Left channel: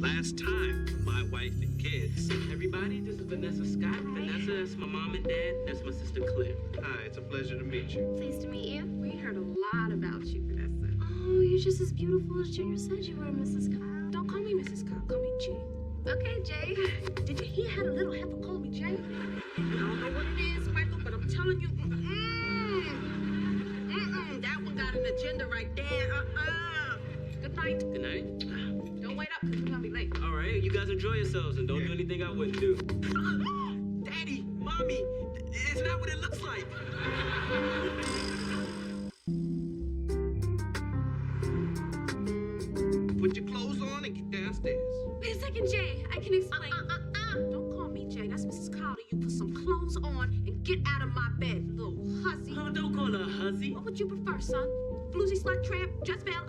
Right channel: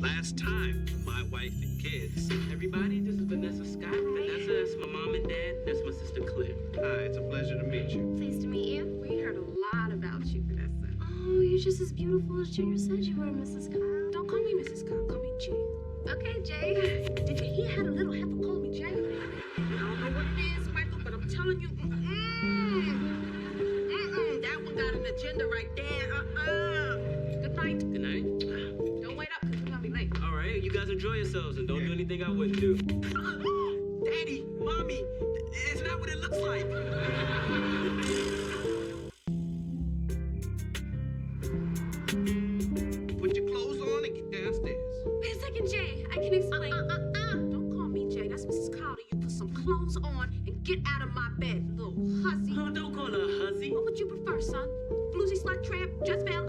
Last time for my wife and kids. Everybody, this is Vanessa Scott. Vanessa, that's my mom and dad. That's my sister Claire. Hi, it's a pleasure to meet you. Pleased to meet you. We heard a lot about you, Vanessa. Oh, you're just as beautiful as Junior said you were, Mrs. Kyle. Don't call me Mrs. Kyle, call me Jay. Okay, Jay. Did you hear how the little heifer called me Jay? I don't know what it is, Michael, but I'm telling you, that one got an agenda right there. Good night. Good night. Don't wait up, because we're going to be late. All right, you guys enjoy yourselves and don't do anything I wouldn't do. Daddy, Mommy, it's not what it looks like. Put your clothes on and get downstairs. Wait a second, Jay. I can explain. Don't call me Jay. That's Mrs. Kyle. You put some clothes on and get out of my bed, little hussy. Oh, don't call her a hussy. What would you prefer, son? Floozy, slut, tramp, Jezebel,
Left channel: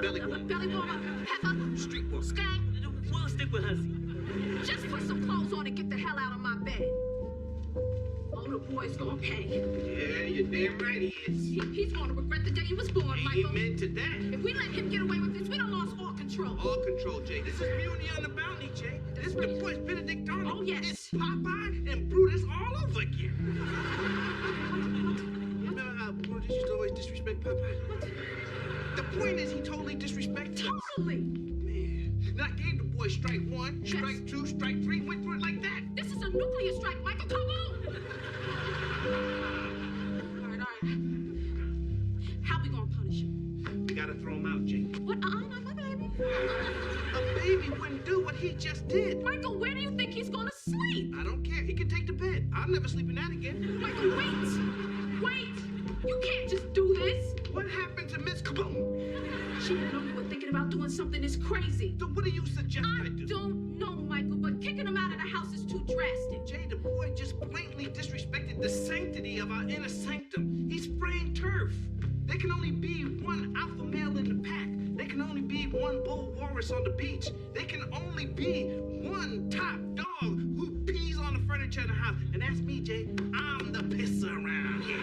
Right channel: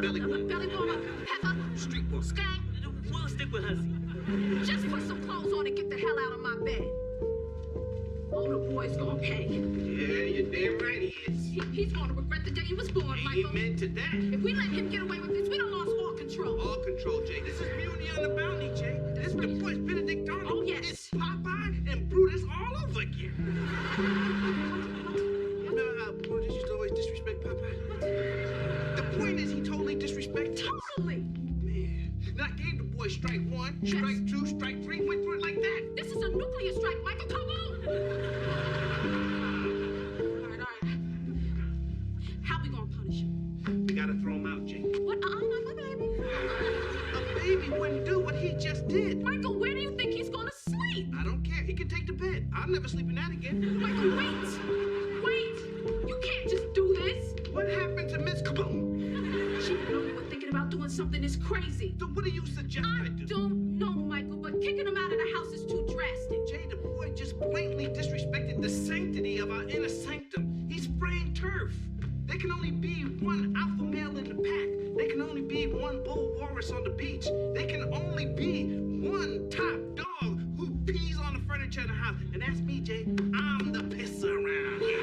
Belly warmer. belly warmer, pepper, Streetwalker. skank? We'll stick with hussy. Just put some clothes on and get the hell out of my bed. Oh, the boy's gonna pay. Yeah, you're damn right he is. He's gonna regret the day he was born, Michael. Amen to that. If we let him get away with this, we done lost all control. All control, Jay. This is Beauty on the Bounty, Jay. This is the boys Benedict Arnold. Oh, yes. It's Popeye and Brutus all over again. Remember how Brutus used to always disrespect Popeye? The point is he totally disrespected him. Totally. Man. Then I gave the boy strike one, Yes. strike two, strike three, went through it like that. This is a nuclear strike, Michael. Come on. All right. How we gonna punish him? We gotta throw him out, Jay. What? Not my baby. A baby wouldn't do what he just did. Michael, where do you think he's gonna sleep? I don't care. He can take the bed. I'll never sleep in that again. Michael, wait. You can't just do this. What happened to Miss Kaboom? She didn't know you were thinking about doing something this crazy. So what do you suggest I do? Don't know, Michael, but kicking him out of the house is too drastic. Jay, the boy just blatantly disrespected the sanctity of our inner sanctum. He's spraying turf. There can only be one alpha male in the pack. There can only be one bull walrus on the beach. There can only be one top dog who pees on the furniture in the house. And that's me, Jay. I'm the pisser around here.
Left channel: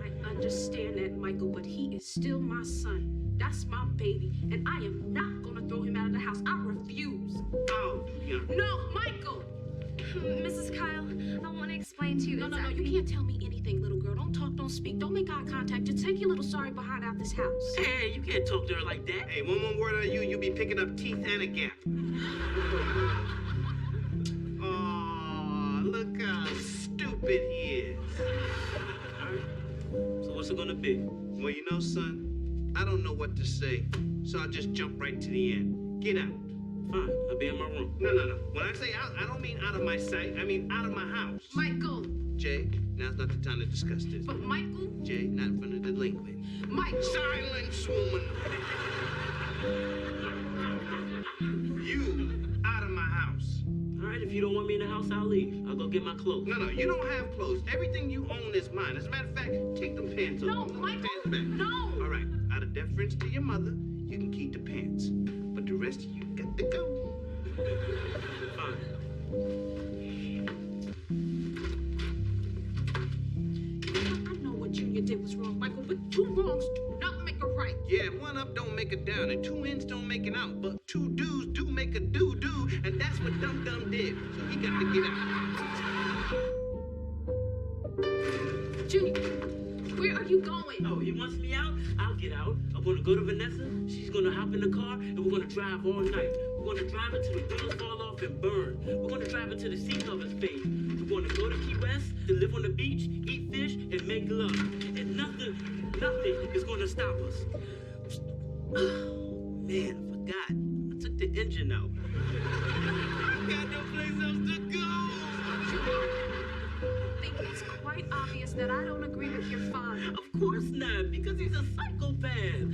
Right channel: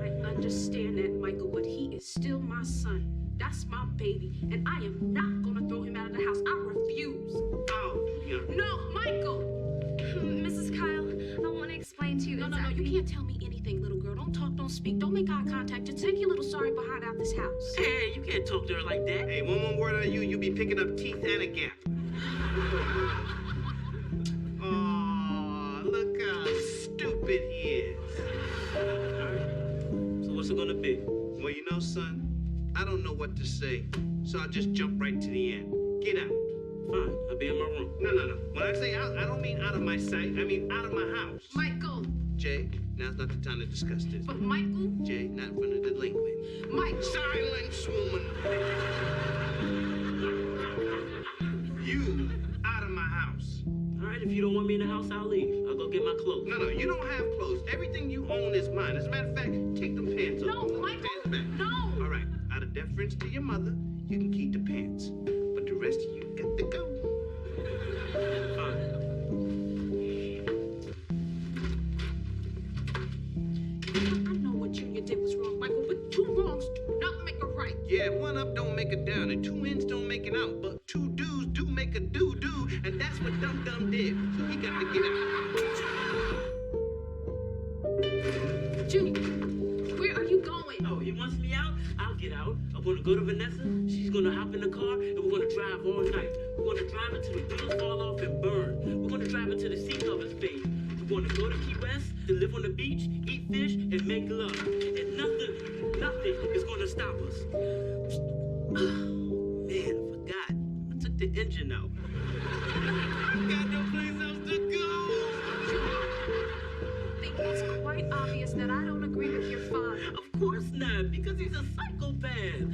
I understand that, Michael, but he is still my son. That's my baby, and I am not gonna throw him out of the house. I refuse. Oh, yeah. No, Michael! Mrs. Kyle, I want to explain to you No, exactly. you can't tell me anything, little girl. Don't talk, don't speak, don't make eye contact. Just take your little sorry behind out this house. Hey, you can't talk to her like that. Hey, one more word on you, you'll be picking up teeth and a gap. Oh, look how stupid he is. So what's it gonna be? Well, you know, son, I don't know what to say, so I'll just jump right to the end. Get out. Fine, I'll be in my room. No. When I say out, I don't mean out of my sight. I mean out of my house. Michael! Jay, now's not the time to discuss this. But Michael? Jay, not in front of the delinquent. Michael! Silence, woman. You out of my house. All right, if you don't want me in the house, I'll leave. I'll go get my clothes. No, you don't have clothes. Everything you own is mine. As a matter of fact, take them pants off. No, Put them Michael! pants back. No! All right, out of deference to your mother, you can keep the pants. But the rest of you got to go. Fine. I know what Junior did was wrong, Michael, but two wrongs do not make a right. Yeah, one up don't make a down, and two ins don't make an out. But two do's do make a do-do, and that's what Dum Dum did. So he got to get out. Junior, where are you going? Oh, he wants me out? I'll get out. I'm gonna go to Vanessa. She's gonna hop in the car, and we're gonna drive all night. We're gonna drive until the wheels fall off and burn. We're gonna drive until the seat covers fade. We're gonna go to Key West to live on the beach, eat fish, and make love. And nothing is gonna stop us. Man, I forgot. I took the engine out. Got no place else to go. I think it's quite obvious that I don't agree with your father. Of course not, because he's a psychopath.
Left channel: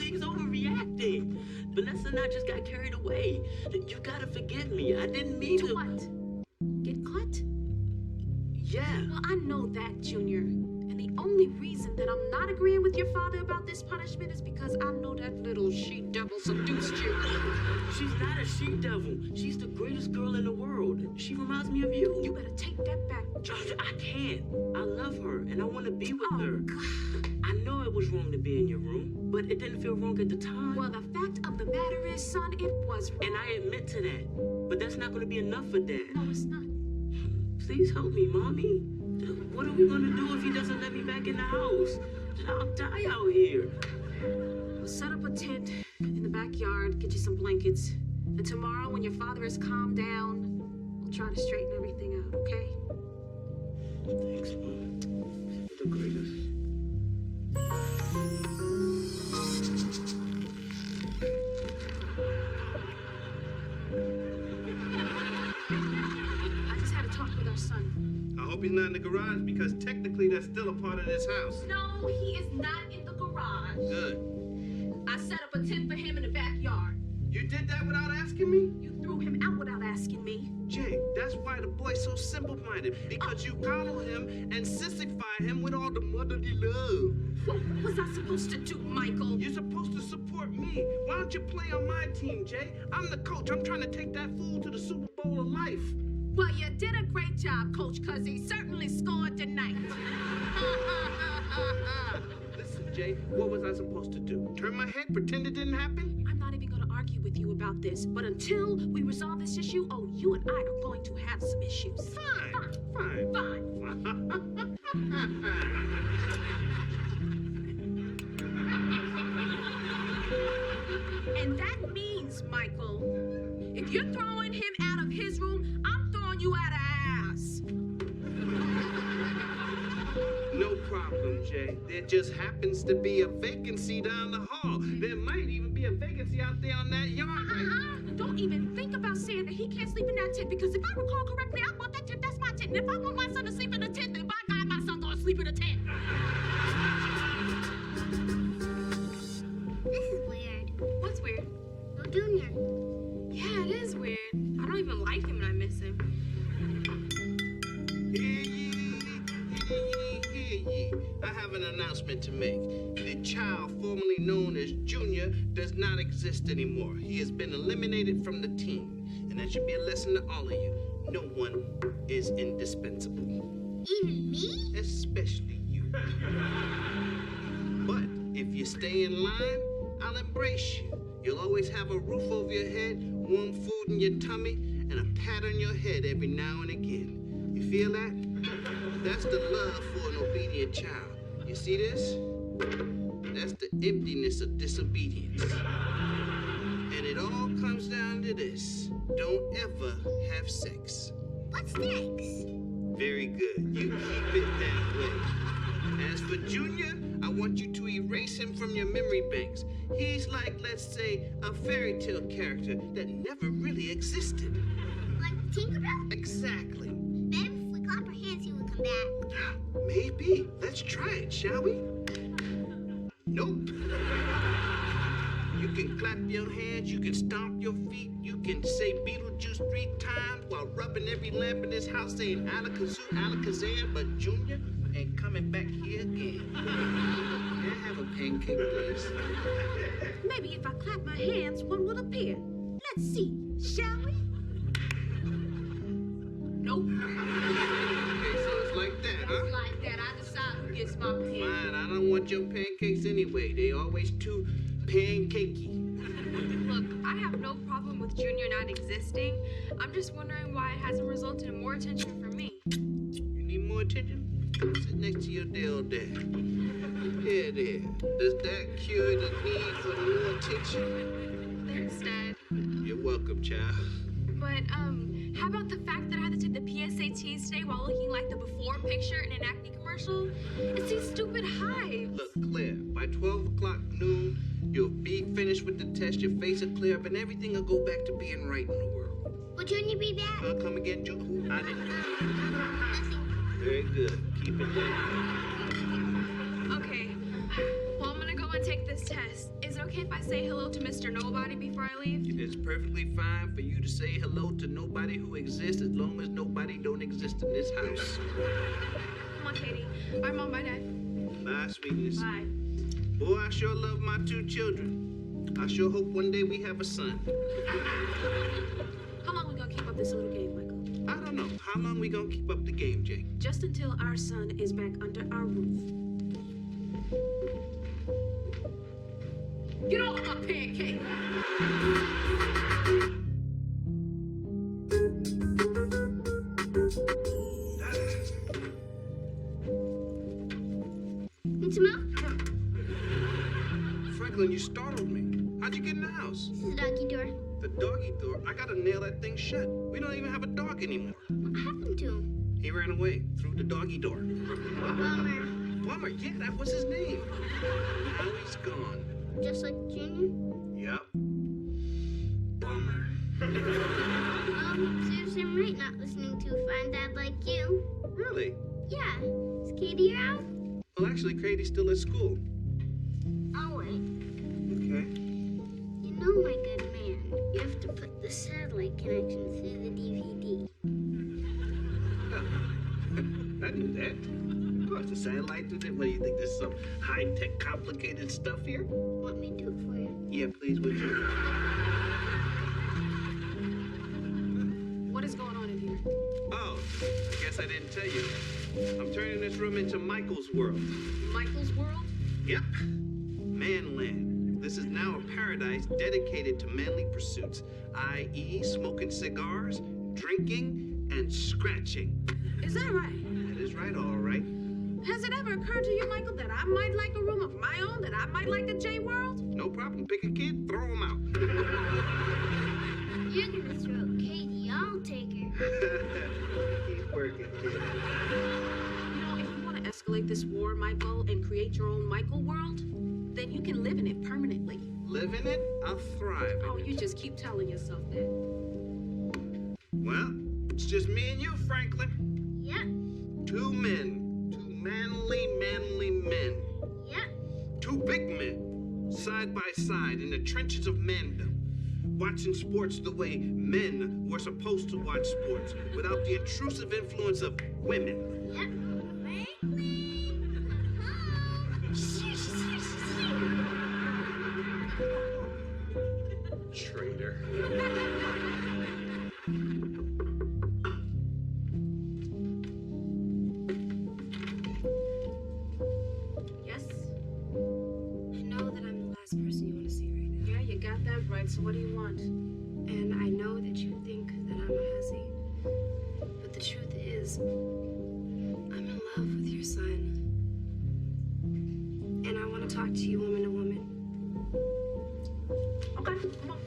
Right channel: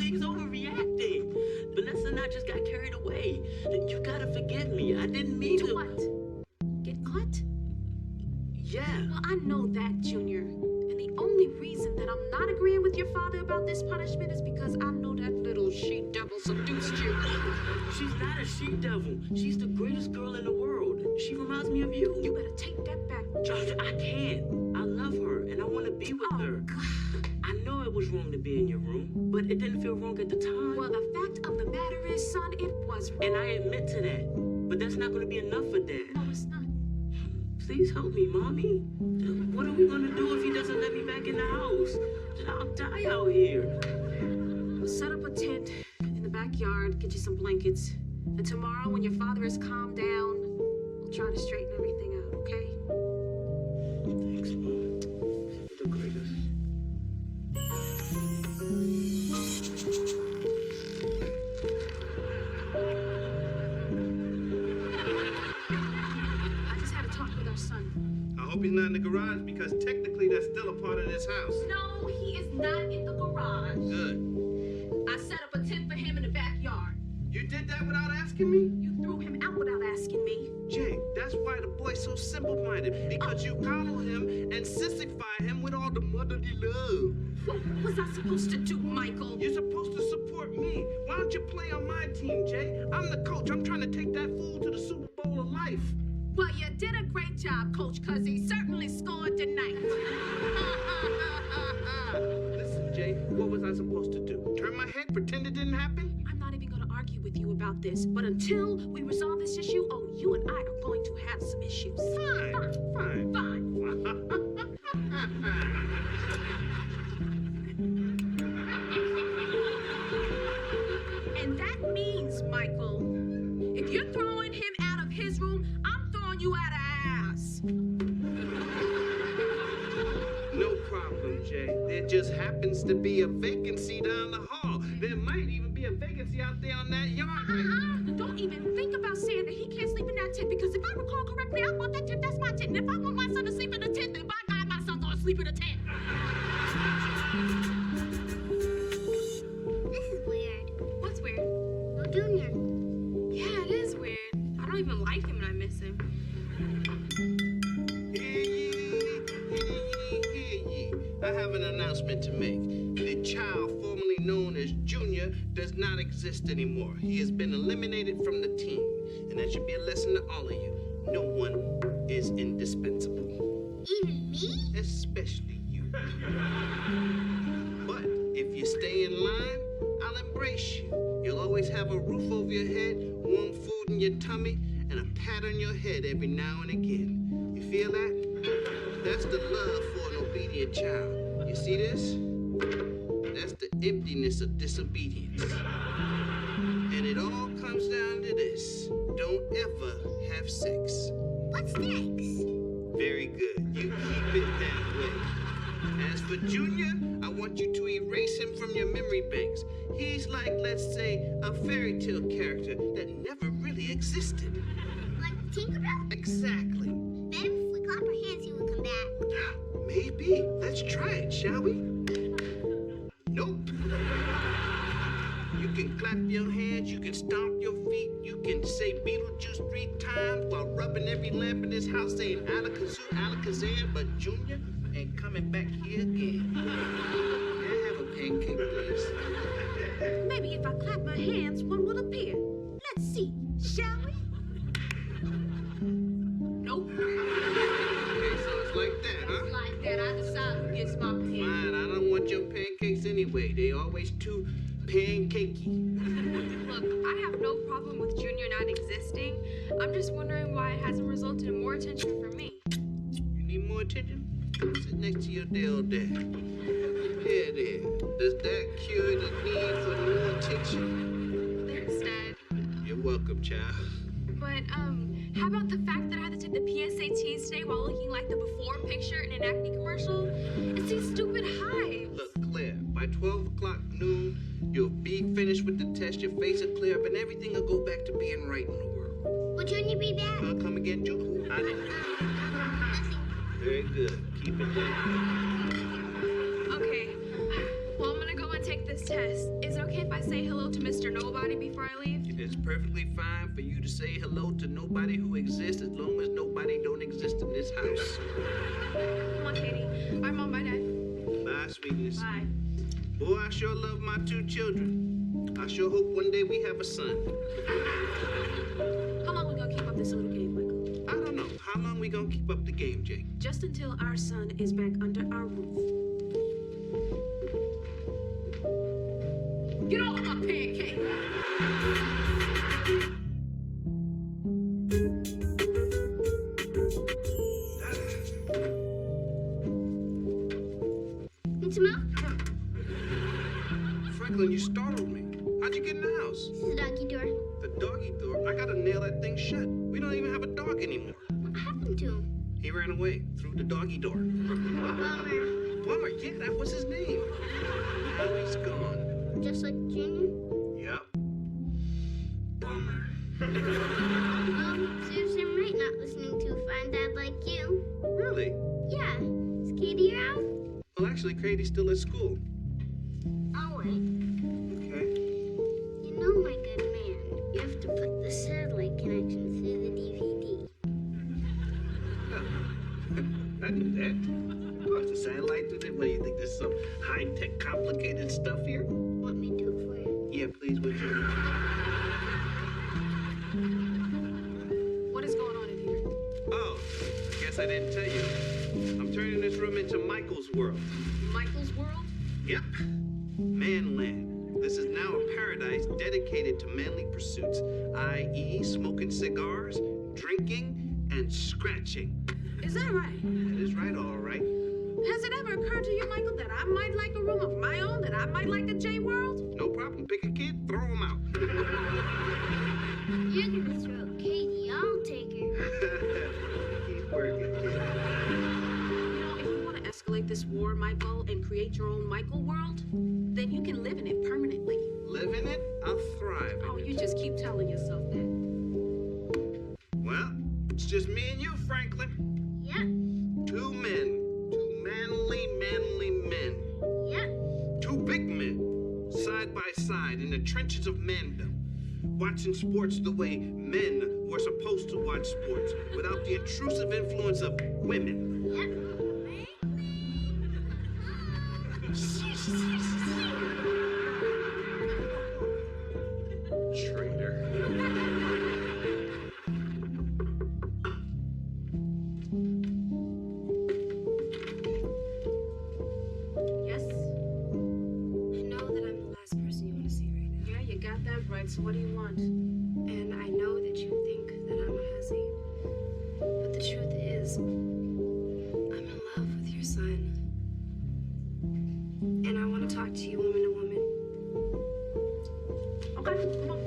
He's overreacting. Vanessa and I just got carried away. You gotta forgive me. I didn't mean to. To what? Get caught? Yeah. Well, I know that, Junior. And the only reason that I'm not agreeing with your father about this punishment is because I know that little she-devil seduced you. She's not a she-devil. She's the greatest girl in the world. She reminds me of you. You better take that back, Junior. I can't. I love her, and I want to be with her. God. I know it was wrong to be in your room, but it didn't feel wrong at the time. Well, the fact of the matter is, son, it was wrong. And I admit to that. But that's not going to be enough for Dad. No, it's not. Please help me, Mommy. What are we going to do if he doesn't let me back in the house? I'll die out here. We'll set up a tent in the backyard, get you some blankets. And tomorrow, when your father is calmed down, we'll try to straighten everything out, okay? Thanks, Mom. You're the greatest. I just had a talk with our son. I hope he's not in the garage because technically that's still a part of this house. No, he is not in the garage. Good. I set up a tent for him in the backyard. You did that without asking me? You threw him out without asking me. Jay, that's why the boy's so simple-minded. Because you coddle him and sissify him with all the motherly love. What was I supposed to do, Michael? You're supposed to support me. Why don't you play on my team, Jay? I'm the coach. I'm trying to take that fool to the Super Bowl of life. Well, you did a great job, Coach, because he certainly scored tonight. Listen, Jay, what was I supposed to do? Turn my head, pretend it didn't happen? I'm not even going to argue with you about this, but until we resolve this issue, you and I are going to have some issues. Fine. And that means, Michael, if you're throwing him out of his room, I'm throwing you out of ours. No problem, Jay. There just happens to be a vacancy down the hall. There might even be a vacancy out there on that yard. Don't even think about saying that he can't sleep in that tent, because if I recall correctly, I bought that tent. That's my tent. And if I want my son to sleep in a tent, then by God, my son's gonna sleep in a tent. This is weird. What's weird? No Junior. Yeah, it is weird. I don't even like him and I miss him. Hear ye. I have an announcement to make. The child formerly known as Junior does not exist anymore. He has been eliminated from the team. And that should be a lesson to all of you. No one is indispensable. Even me? Especially you. But if you stay in line, I'll embrace you. You'll always have a roof over your head, warm food in your tummy, and a pat on your head every now and again. You feel that? That's the love for an obedient child. You see this? That's the emptiness of disobedience. And it all comes down to this. Don't ever have sex. What's next? Very good. You keep it that way. As for Junior, I want you to erase him from your memory banks. He's like, let's say, a fairy tale character that never really existed. Like Tinkerbell? Exactly. Bet if we clap our hands, he would come back. Maybe. Let's try it, shall we? Nope. You can clap your hands, you can stomp your feet, you can say Beetlejuice 3 times while rubbing every lamp in this house saying Alakazoo, Alakazam, but Junior ain't coming back here again. May I have a pancake, please? Maybe if I clap my hands, one will appear. Let's see, shall we? Nope. Okay, so it's like that, huh? Like that, I decide who gets my pen. Fine, I don't want your pancakes anyway. They always too pancakey. Look, I have no problem with Junior not existing. I'm just wondering why it hasn't resulted in more attention from me. You need more attention? Sit next to your dear old dad. Here, there. Does that cure the need for more attention? Thanks, Dad. You're welcome, child. But, how about the fact that I had to take the PSATs today while looking like the before picture in an acne commercial? It's these stupid hives. Look, Claire, by 12 o'clock noon, you'll be finished with the test, your face will clear up, and everything will go back to being right in the world. Will Junior be back? I'll come again, June. I didn't. Nothing. Very good. Keep it there. Okay. Well, I'm gonna go and take this test. Is it okay if I say hello to Mr. Nobody before I leave? It's perfectly fine for you to say hello to nobody who exists as long as nobody don't exist in this house. Come on, Katie. All right, Mom. Bye, Dad. Bye, sweetness. Bye. Boy, I sure love my 2 children. I sure hope one day we have a son. How long we gonna keep up this little game, Michael? I don't know. How long we gonna keep up the game, Jake? Just until our son is back under our roof. Get off my pancake! Need some milk? Franklin, you startled me. How'd you get in the house? This is the doggy door. The doggy door? I gotta nail that thing shut. We don't even have a dog anymore. What happened to him? He ran away through the doggy door. Bummer. Plumber, yeah, that was his name. Now he's gone. Just like Junior? Yep. Bummer. Serves him right not listening to a fine dad like you. Really? Yeah. Is Katie around? Well, actually, Katie's still at school. I'll wait. Okay. You know, my good man, you have to put the satellite connection through the DVD. I knew that. Of course, the satellite through there. What do you think? There's some high-tech, complicated stuff here? Want me to do it for you? Yeah, please, would you? What is going on in here? Oh, I guess I didn't tell you. I'm turning this room into Michael's world. Michael's world? Yep. Manland. This is now a paradise dedicated to manly pursuits, i.e. smoking cigars, drinking, and scratching. Is that right? That is right, all right. Has it ever occurred to you, Michael, that I might like a room of my own, that I might like a J world? No problem. Pick a kid, throw him out. You're gonna throw Katie. I'll take her. Keep working. You know, if you want to escalate this war, Michael, and create your own Michael world, then you can live in it permanently. Live in it, I'll thrive in Oh, it. you just keep telling yourself that. Well, it's just me and you, Franklin. Yeah. Two men. Two manly men. Yeah. Two big men, side by side in the trenches of mandom, watching sports the way men were supposed to watch sports, without the intrusive influence of women. Yeah. Traitor. Yes? I know that I'm the last person you want to see right now. Yeah, you got that right. So what do you want? And I know that you think that I'm a hussy. But the truth is, I'm in love with your son. And I want to talk to you woman to woman. Okay, come on.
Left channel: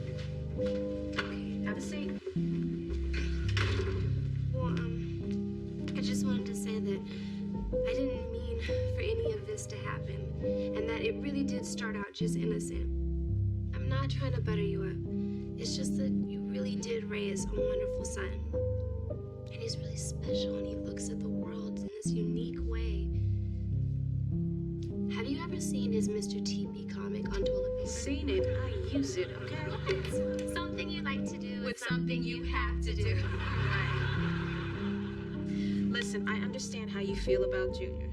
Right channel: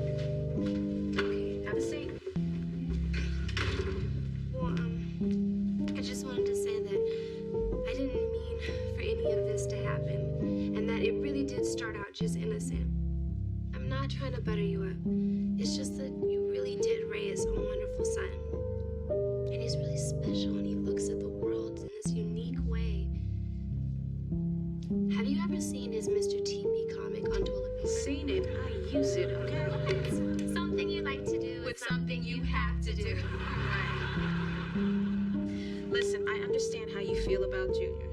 Okay. Have a seat. Well, I just wanted to say that I didn't mean for any of this to happen. And that it really did start out just innocent. I'm not trying to butter you up. It's just that you really did raise a wonderful son. And he's really special and he looks at the world in this unique way. Have you ever seen his Mr. TP comic on toilet paper? Seen it, I use it, okay? Something you like to do with something you have to do. Listen, I understand how you feel about Junior.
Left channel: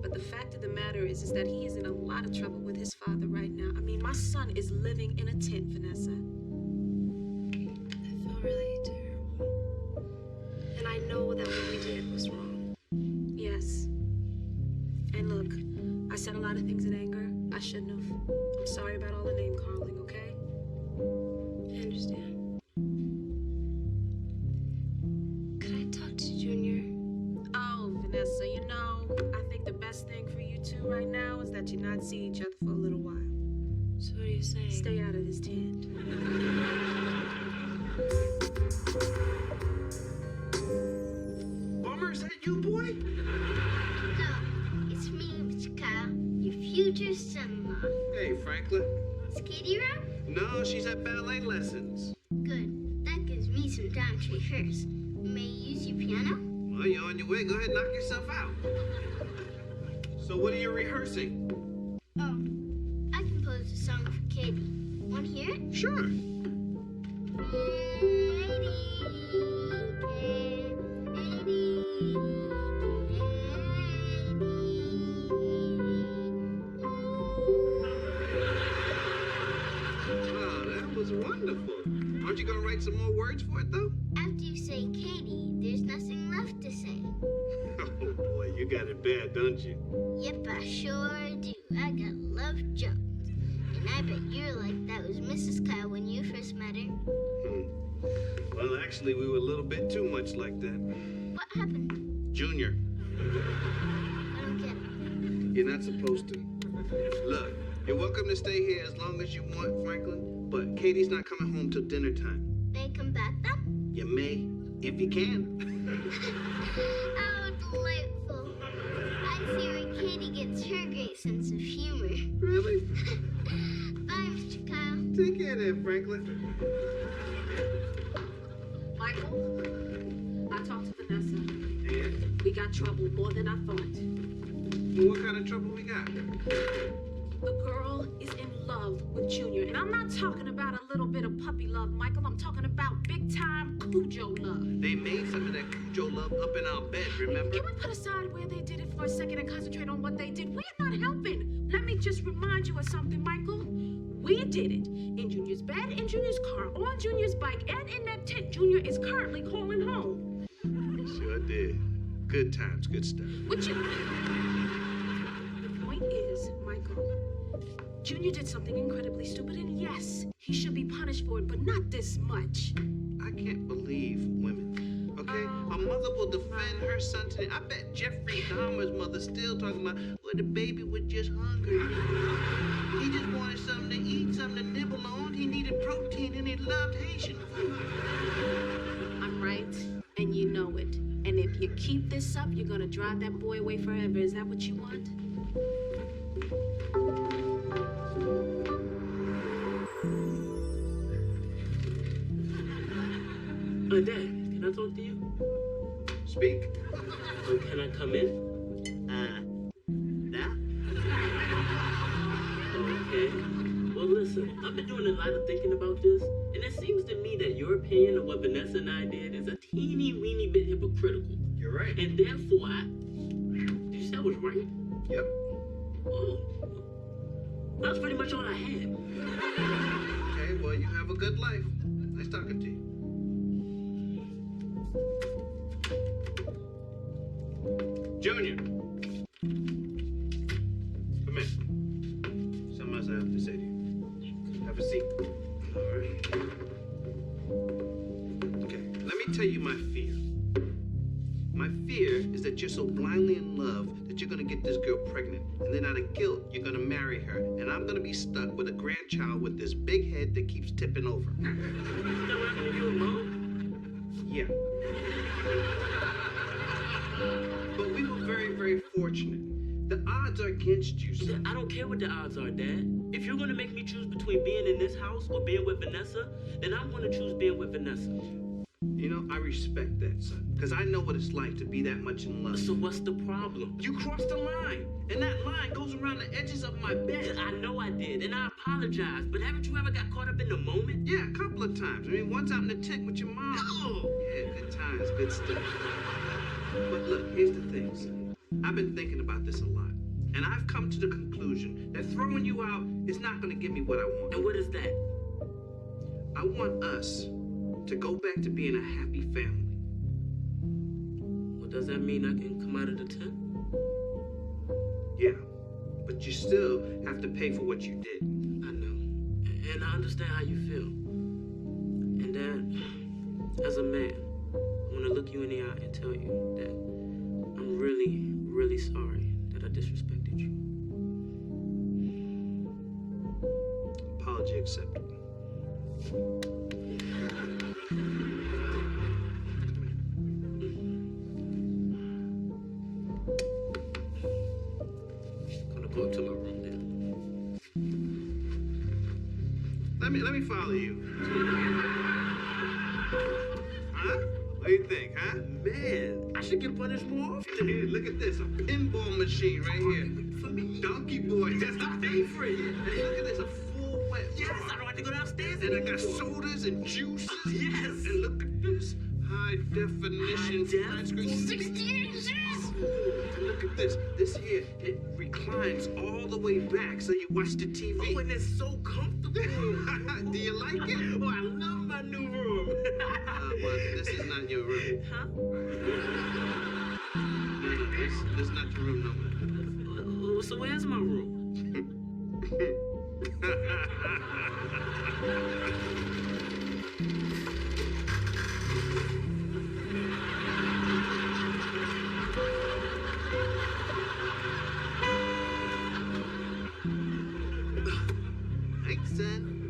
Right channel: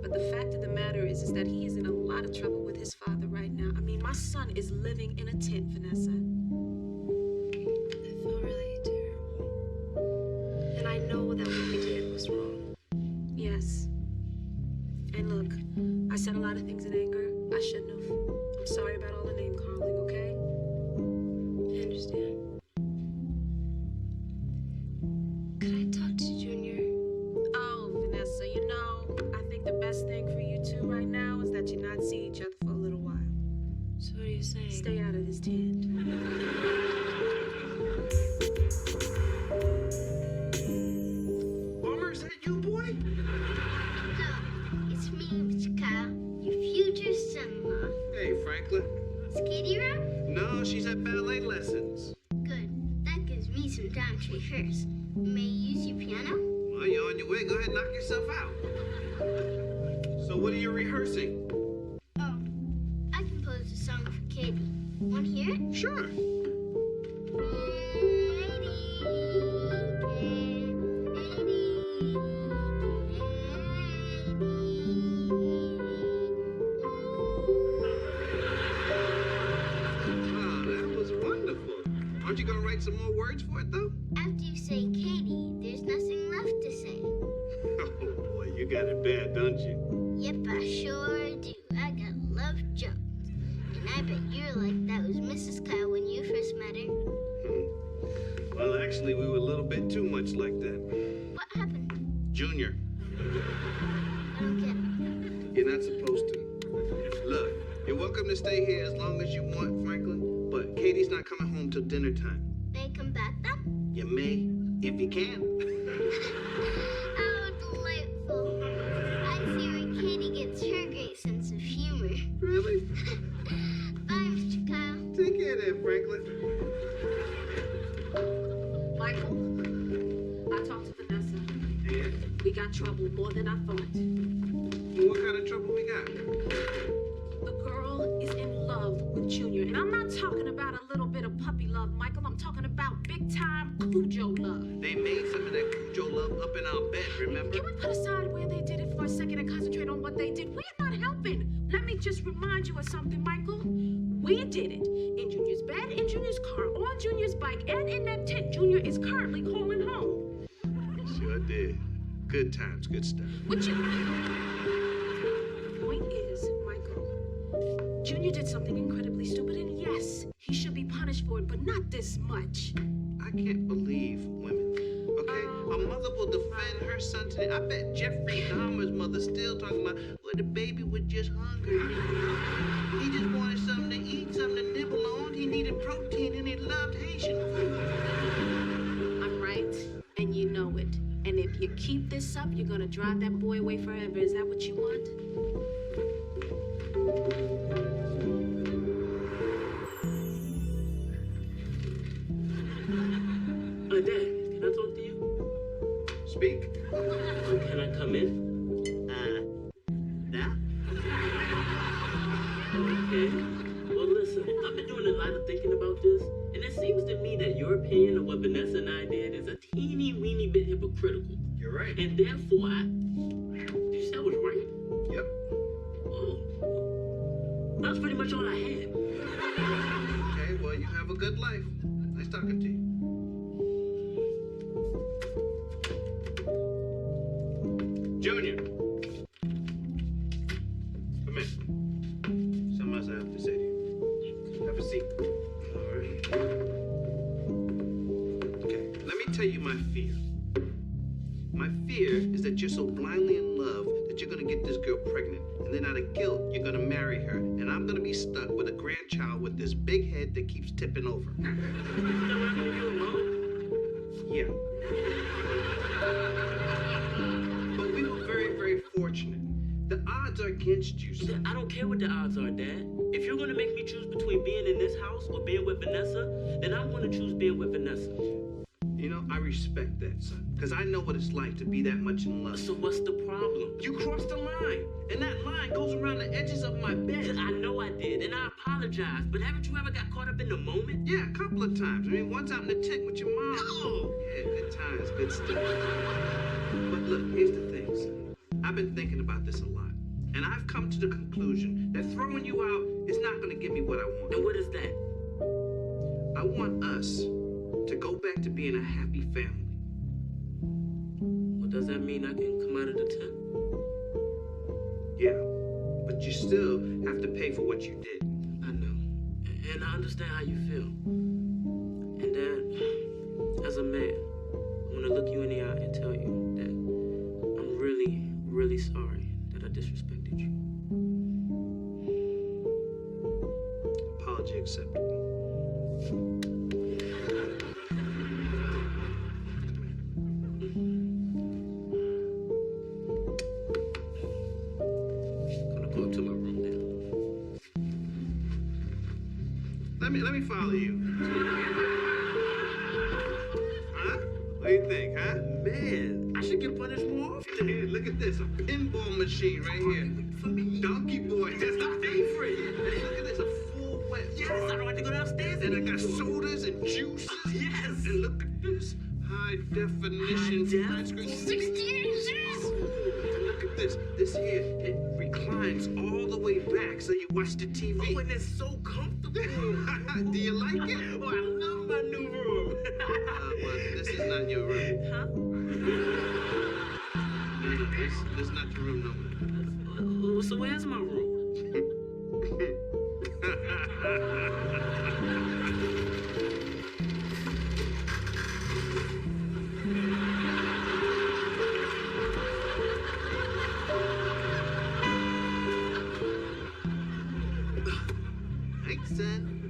But the fact of the matter is that he is in a lot of trouble with his father right now. I mean, my son is living in a tent, Vanessa. I feel really terrible. And I know that what we did was wrong. Yes. And look, I said a lot of things in anger. I shouldn't have. I'm sorry about all the name calling, okay? I understand. Could I talk to Junior? Oh, Vanessa, you know, I think the best thing for you two right now is that you not see each other for a little while. So what are you saying? Stay out of this tent. Bummer, is that you, boy? No, it's me, Mr. Kyle, your future son-in-law. Hey, Franklin. Is Katie around? No, she's at ballet lessons. Good. That gives me some time to rehearse. May I use your piano? Well, you're on your way. Go ahead and knock yourself out. So what are you rehearsing? Oh, I composed a song for Katie. Want to hear it? Sure. Wow, that was wonderful. Aren't you going to write some more words for it, though? After you say Katie, there's nothing left to say. Oh, boy, you got it bad, don't you? Yep, I sure do. I got love jokes. And I bet you're like that was Mrs. Kyle when you first met her. Well, actually, we were a little bit too much like that. What happened? Junior, I don't get it. you're not supposed to. Look, you're welcome to stay here as long as you want, Franklin, but Katie's not coming home till dinner time. May I come back then? You may, if you can. Oh, delightful. I see where Katie gets her great sense of humor. Really? Bye, Mr. Kyle. Take care there, Franklin. Michael, I talked to Vanessa. And We got trouble more than I thought. what kind of trouble we got? The girl is in love with Junior. And I'm not talking about a little bit of puppy love, Michael. I'm talking about big-time Cujo love. They made some of that Cujo love up in our bed, remember? Can we put aside where they did it for a second and concentrate on what they did? We're not helping. Let me just remind you of something, Michael. We did it. In Junior's bed, in Junior's car, on Junior's bike, and in that tent Junior is currently calling home. Sure did. Good times, good stuff. What you... Point is, Michael, Junior did something incredibly stupid, and yes, he should be punished for it, but not this much. I can't believe women. Okay? A mother will defend her son today. I bet Jeffrey Dahmer's mother still talking about, well, the baby was just hungry. He just wanted something to eat, something to nibble on. He needed protein, and he loved Haitian food. I'm right, and you know it. And if you keep this up, you're gonna drive that boy away forever. Is that what you want? Dad, can I talk to you? Speak. Can I come in? That? Okay. Well, listen, I've been doing a lot of thinking about this, and it seems to me that your opinion of what Vanessa and I did is a teeny weeny bit hypocritical. You're right. And therefore, did you say I was right? Yep. Oh. That's pretty much all I had. Okay, well, you have a good life. Nice talking to you. Junior. Come in. Something else I have to say to you. Have a seat. All right. Okay, let me tell you my fear. My fear is that you're so blindly in love that you're gonna get this girl pregnant, and then out of guilt, you're gonna marry her, and I'm gonna be stuck with a grandchild with this big head that keeps tipping over. Is that what happened to you and Mom? Yeah. But we were very, very fortunate. The odds are against you, son. I don't care what the odds are, Dad. If you're gonna make me choose between being in this house or being with Vanessa, then I'm gonna choose being with Vanessa. You know, I respect that, son, because I know what it's like to be that much in love. So what's the problem? You crossed the line, and that line goes around the edges of my bed. I know I did, and I apologize, but haven't you ever got caught up in the moment? Yeah, a couple of times. I mean, once out in the tent with your mom. Oh! Yeah, good times, good stuff. But look, here's the thing, son. I've been thinking about this a lot, and I've come to the conclusion that throwing you out is not going to give me what I want. And what is that? I want us to go back to being a happy family. Well, does that mean I can come out of the tent? Yeah, but you still have to pay for what you did. I know. And I understand how you feel. And Dad, as a man, I want to look you in the eye and tell you that I'm really, really sorry that I disrespected you. Apology accepted. Gonna go up to my room then. Let me follow you. Huh? What do you think, huh? Man, I should get punished more often. Here, look at this, a pinball machine right here. For me. Donkey Boy. That's my favorite. Hey, look at this, a full wet Yes, I don't have to go downstairs And I anymore. got sodas and juices. Yes. And look at this, high definition flat screen. 60 inches. And look at this. This here, it reclines all the way back so you watch the TV. Oh, and it's so comfortable. Do you like it? Oh, I love my new room. Well, this is not your room. Huh? No, this is not your room, no. So where's my room?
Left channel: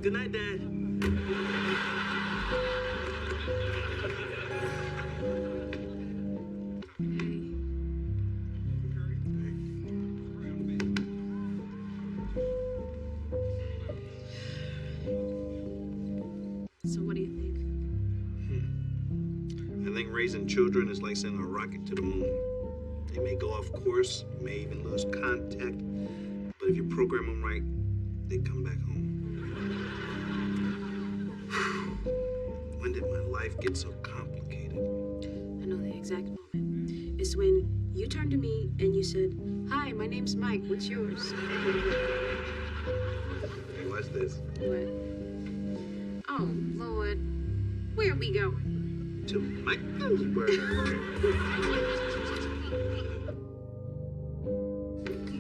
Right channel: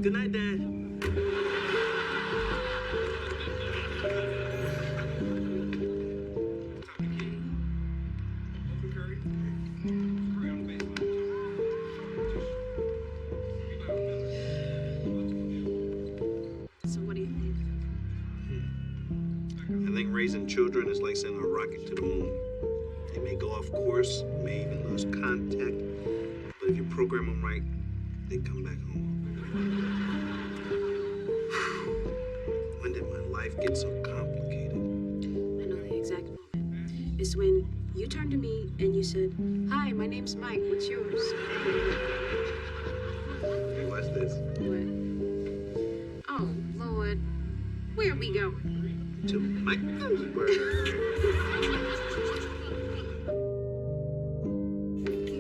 Good night, Dad. So what do you think? I think raising children is like sending a rocket to the moon. They may go off course, may even lose contact, but if you program them right, they come back home. When did my life get so complicated? I know the exact moment. It's when you turned to me and you said, "Hi, my name's Mike. What's yours?" Hey, watch this. What? Oh, Lord. Where are we going? To Michaelsburg.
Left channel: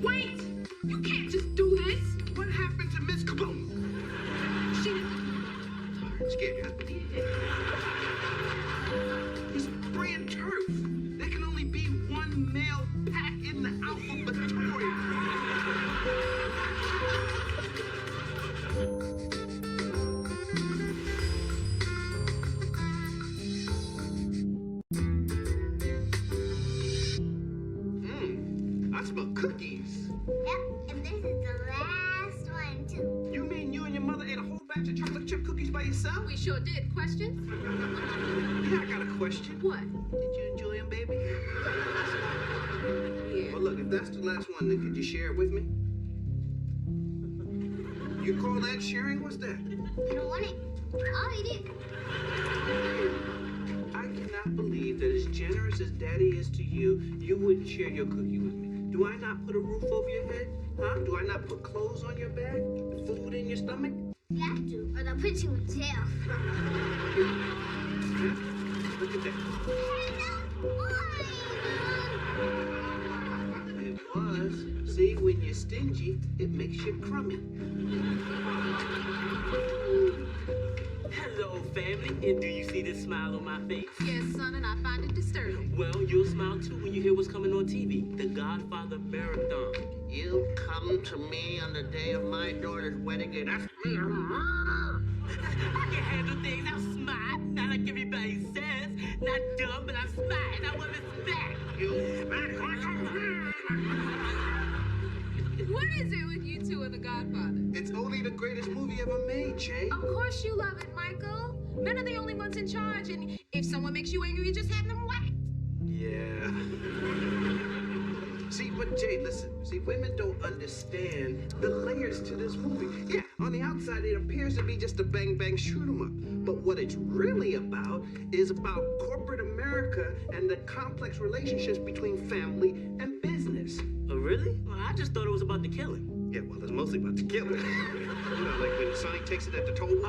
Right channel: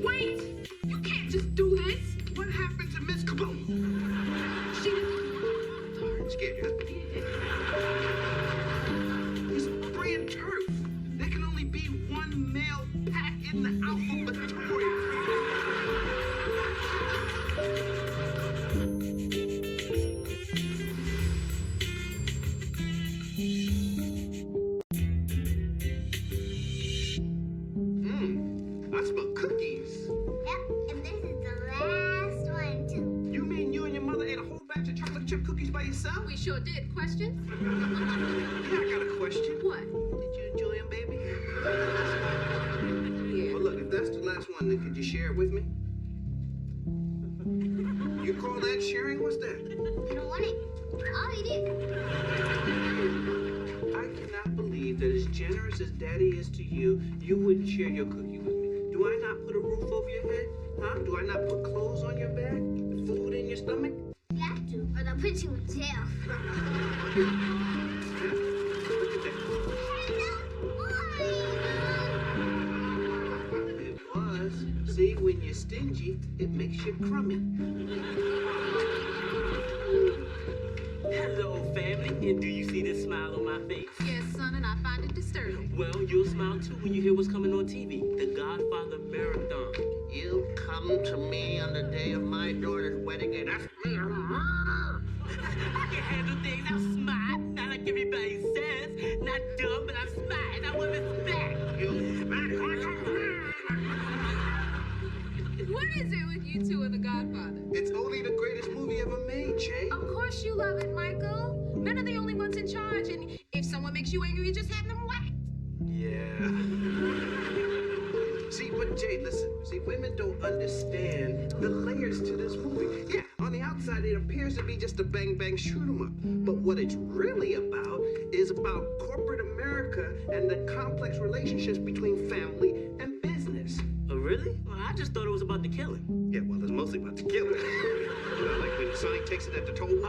Wait! You can't just do this! What happened to Miss Kaboom? She didn't. Scared you? He's spraying turf. There can only be one male pack in the alphabetorium. I smell cookies. Yep, and this is the last one, too. You mean you and your mother ate a whole batch of chocolate chip cookies by yourself? We sure did. Questions? Yeah, I got a question. What? Did you enjoy them, baby? Yeah. Well, look, if that's the last one, then could you share it with me? You call that sharing? What's that? I don't want it. I'll eat it. I cannot believe that as generous as Daddy is to you, you wouldn't share your cookie with me. Do I not put a roof over your head? Huh? Do I not put clothes on your back? Food in your stomach? You have to, or they'll put you in jail. Huh? Look at that. It was. See, when you're stingy, it makes you crummy. Hello, family. And do you see this smile on my face? Yes, son, and I find it disturbing. Well, you'll smile too when you hear what's coming on TV. The Godfather Marathon. You come to me on the day of my daughter's wedding and ask me a murder. I can handle things. I'm smart. Not like everybody says. Not dumb, but I'm smart. And I want respect. You smack like a man. What is it with you two and The Godfather? It's only the greatest movie ever made, Jay. Of course you love it, Michael. Men are the only ones in charge, and if someone makes you angry, you just have them whacked. Yeah. See, but Jay, listen. See, women don't understand the layers to this movie. Yeah, on the outside, it appears to be just a bang-bang shoot-'em-up. But what it's really about is about corporate America and the complex relationships between family and business. Oh, really? Well, I just thought it was about the killing. Yeah, well, it's mostly about the killing. You know, like when Sonic takes it at the toll booth.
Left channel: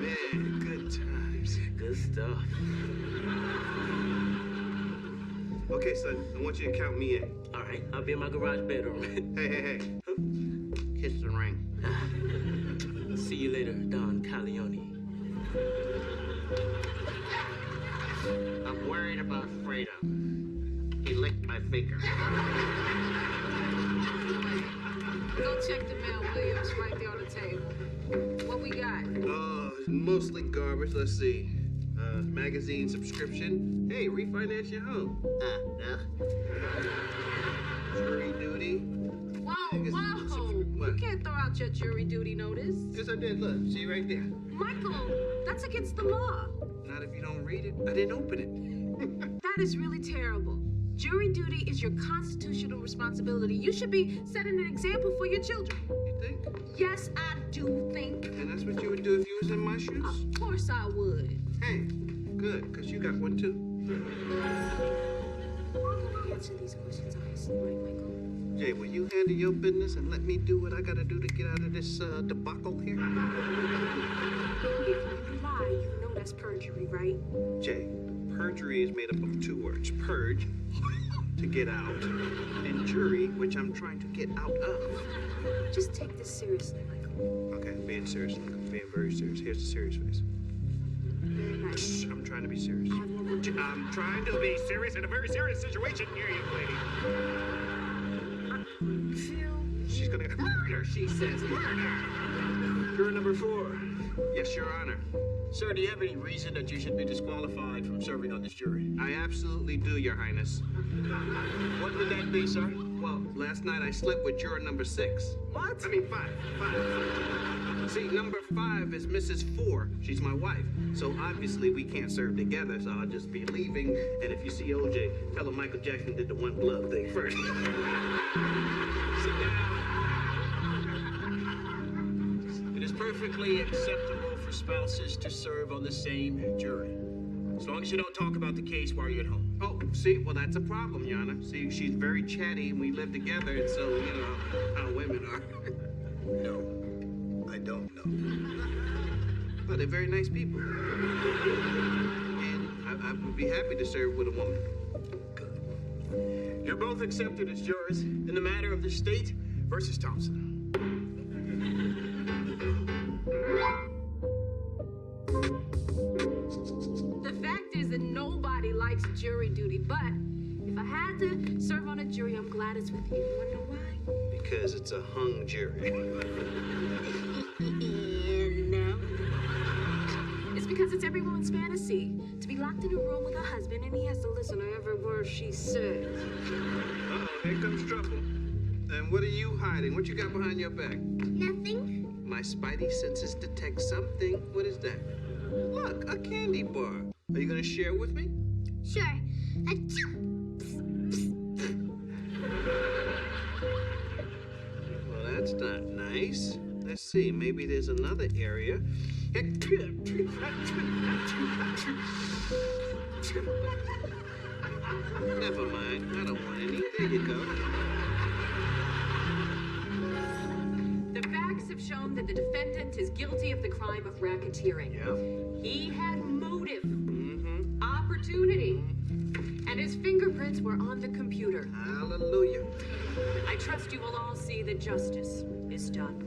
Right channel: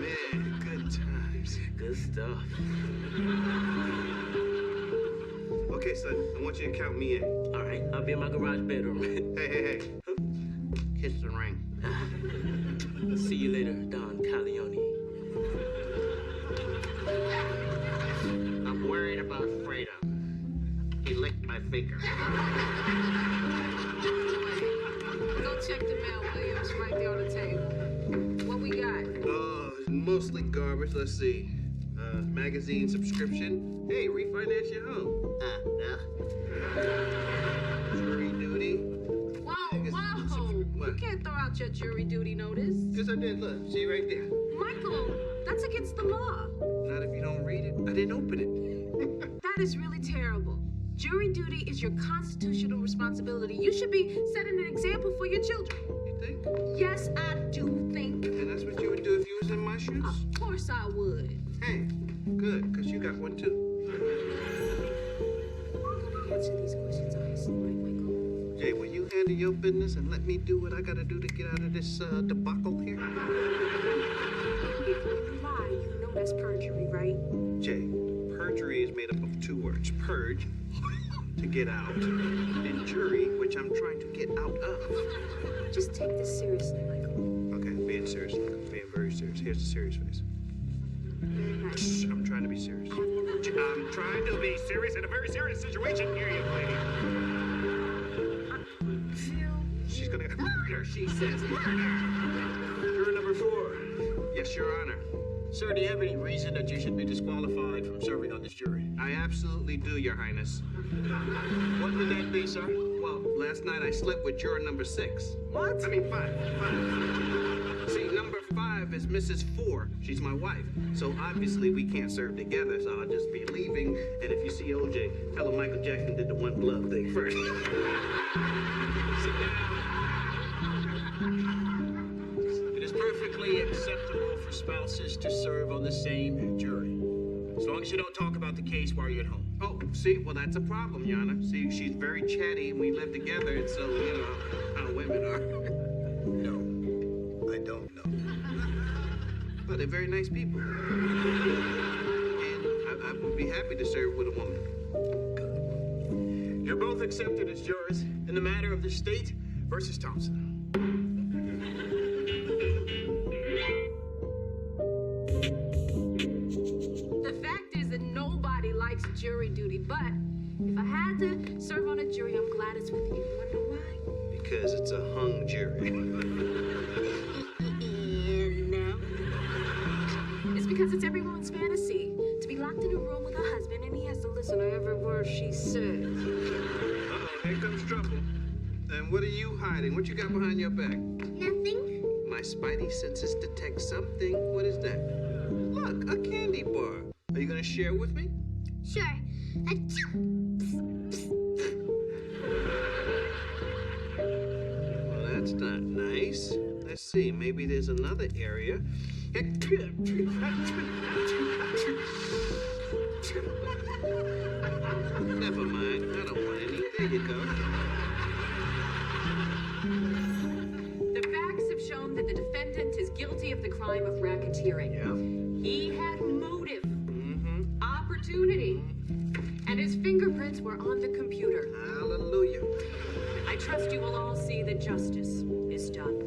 Man, good times. Good stuff. Okay, son, I want you to count me in. All right, I'll be in my garage bedroom. Hey. Kiss the ring. See you later, Don Corleone. I'm worried about Fredo. He licked my finger. Go check the mail, Williams, right there on the table. What we got? Oh, it's mostly garbage. Let's see. Magazine subscription. Hey, refinance your home. Jury duty. Whoa! What? You can't throw out your jury duty notice. Yes, I did. Look, see right there. Michael, that's against the law. Not if you don't read it. I didn't open it. That is really terrible. Jury duty is your constitutional responsibility. You should be setting an example for your children. You think? Yes, I do think. And that's what you would do if you was in my shoes? Of course I would. Hey, good, because you got one too. Answer these questions honestly, right, Michael? Jay, will you handle your business and let me do what I gotta do to get out of this debacle here? If you lie, you know that's perjury, right? Jay, perjury is made up of two words. Purge, to get out, and jury, which I'm trying to get out of. Just take this seriously, Michael. Okay, I'm being serious. I'm being very serious. Here's the serious face. Very nice. I'm trying to be serious. I have one more. I'm trying to be serious in a very serious situation. Here you, lady. Phil, She's gonna. Murder, she says. Murder! Juror number 4. Yes, Your Honor. Sir, do you have any reason that you should be disqualified from serving on this jury? I absolutely do, Your Highness. What would that be, sir? Well, last night I slept with juror number 6. What? I mean, 5. See, number 5 is Mrs. 4. She's my wife. So obviously we can't serve together, so I'll just be leaving. And if you see OJ, tell him Michael Jackson did the one glove thing first. Sit down. It is perfectly acceptable for spouses to serve on the same jury, as long as you don't talk about the case while you're at home. Oh, see, well, that's a problem, Your Honor. See, she's very chatty, and we live together, and so, you know, how women are. No, I don't know. But they're very nice people. And I would be happy to serve with a woman. Good. You're both accepted as jurors in the matter of the State versus Thompson. The fact is that nobody likes jury duty, but if I had to serve on a jury, I'm glad it's with you. You wanna know why? Because it's a hung jury. No. It's because it's every woman's fantasy to be locked in a room with her husband and he has to listen to every word she says. Uh-oh, here comes trouble. And what are you hiding? What you got behind your back? Nothing? My spidey senses detect something. What is that? Look, a candy bar. Are you gonna share with me? Sure. Achoo. Well, that's not nice. Let's see, maybe there's another area. Never mind, I don't want any. There you go. The facts have shown that the defendant is guilty of the crime of racketeering. Yeah. He had motive, Mm-hmm. opportunity, and his fingerprints were on the computer. Hallelujah. I trust you will all see that justice is done.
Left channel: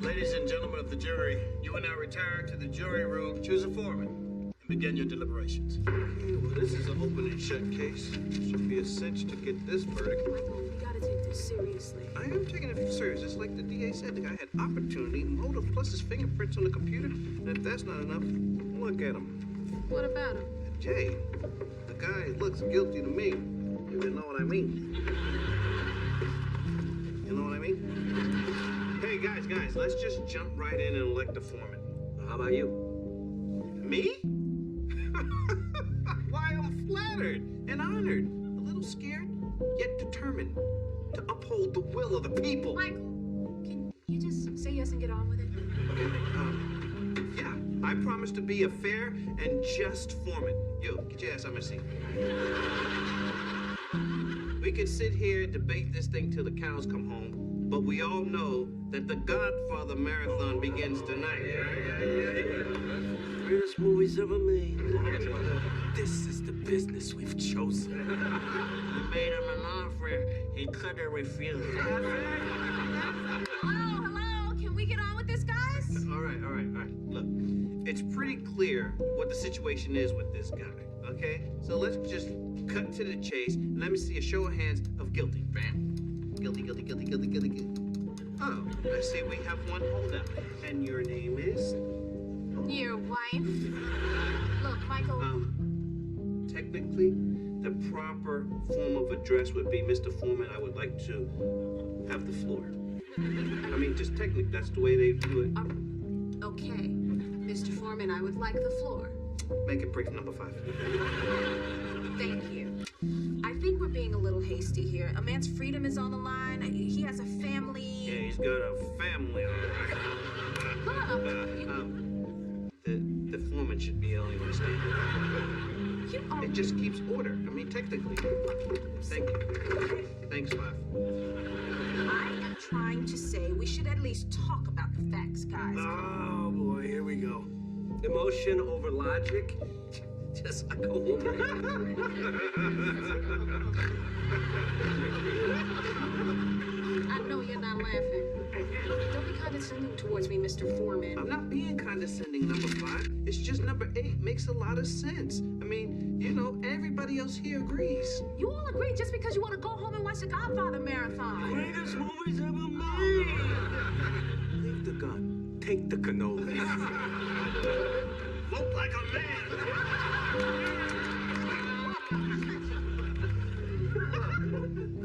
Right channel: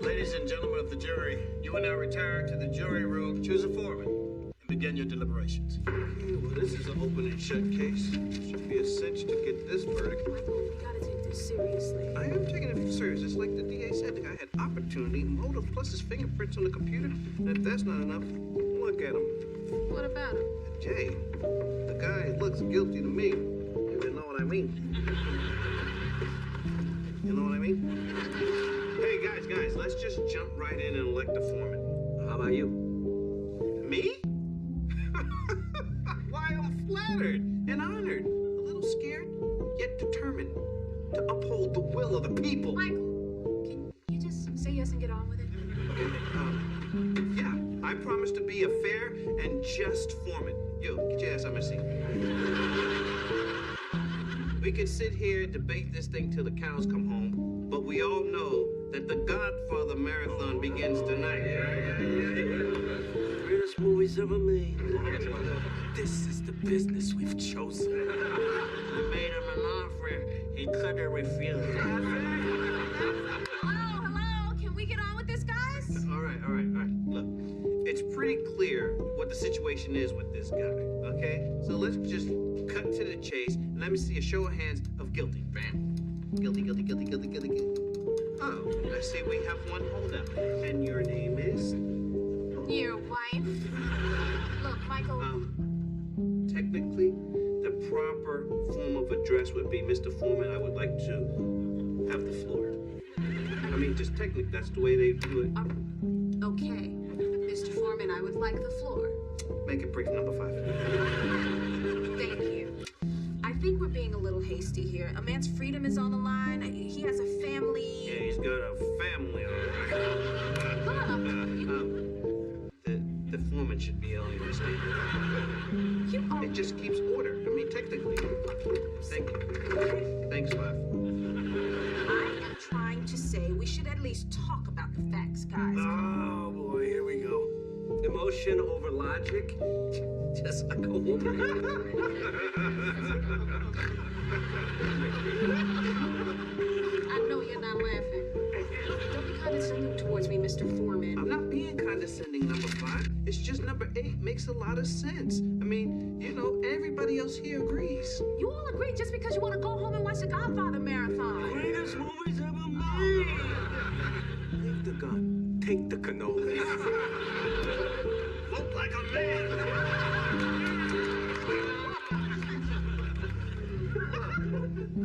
Ladies and gentlemen of the jury, you will now retire to the jury room, choose a foreman, and begin your deliberations. Okay, well, this is an open and shut case. Should be a cinch to get this verdict. Michael, we gotta take this seriously. I am taking it serious. It's like the DA said. The guy had opportunity, motive, plus his fingerprints on the computer. And if that's not enough, look at him. What about him? Jay, the guy looks guilty to me. If you know what I mean. You know what I mean? Hey, guys, let's just jump right in and elect a foreman. How about you? Me? Why, I'm flattered and honored. A little scared, yet determined to uphold the will of the people. Michael, can you just say yes and get on with it? Okay, yeah, I promise to be a fair and just foreman. You, get your ass on my seat. We could sit here and debate this thing till the cows come home, but we all know that the Godfather Marathon begins tonight. Greatest movies ever made. This is the business we've chosen. We made him an offer. He couldn't refuse. Hello, can we get on with this, guys? All right. Look, it's pretty clear what the situation is with this guy, okay? So let's just cut to the chase, and let me see a show of hands of guilty. Bam. Guilty. Oh, I see we have one holdup. And your name is? Your wife. Look, Michael. Technically, the proper form of address would be Mr. Foreman, I would like to have the floor. I mean, just technically, that's the way they do it. Okay, Mr. Foreman, I would like the floor. Make it brief, number 5. Thank you. I think we're being a little hasty here. A man's freedom is on the line. He has a family. Yeah, he's got a family, all right. The foreman should be on your stand. It just keeps order. I mean, technically. Thank you. Thanks, 5. I am trying to say we should at least talk about the facts, guys. Oh, boy, here we go. Emotion over logic, just like a woman. I know you're not laughing. Don't be condescending towards me, Mr. Foreman. I'm not being condescending, number 5. It's just number number 8 makes a lot of sense. I mean, you know, everybody else here agrees. You all agree just because you want to go home and watch the Godfather marathon. Greatest movies ever made. Leave the gun. Take the cannoli. Vote like a man.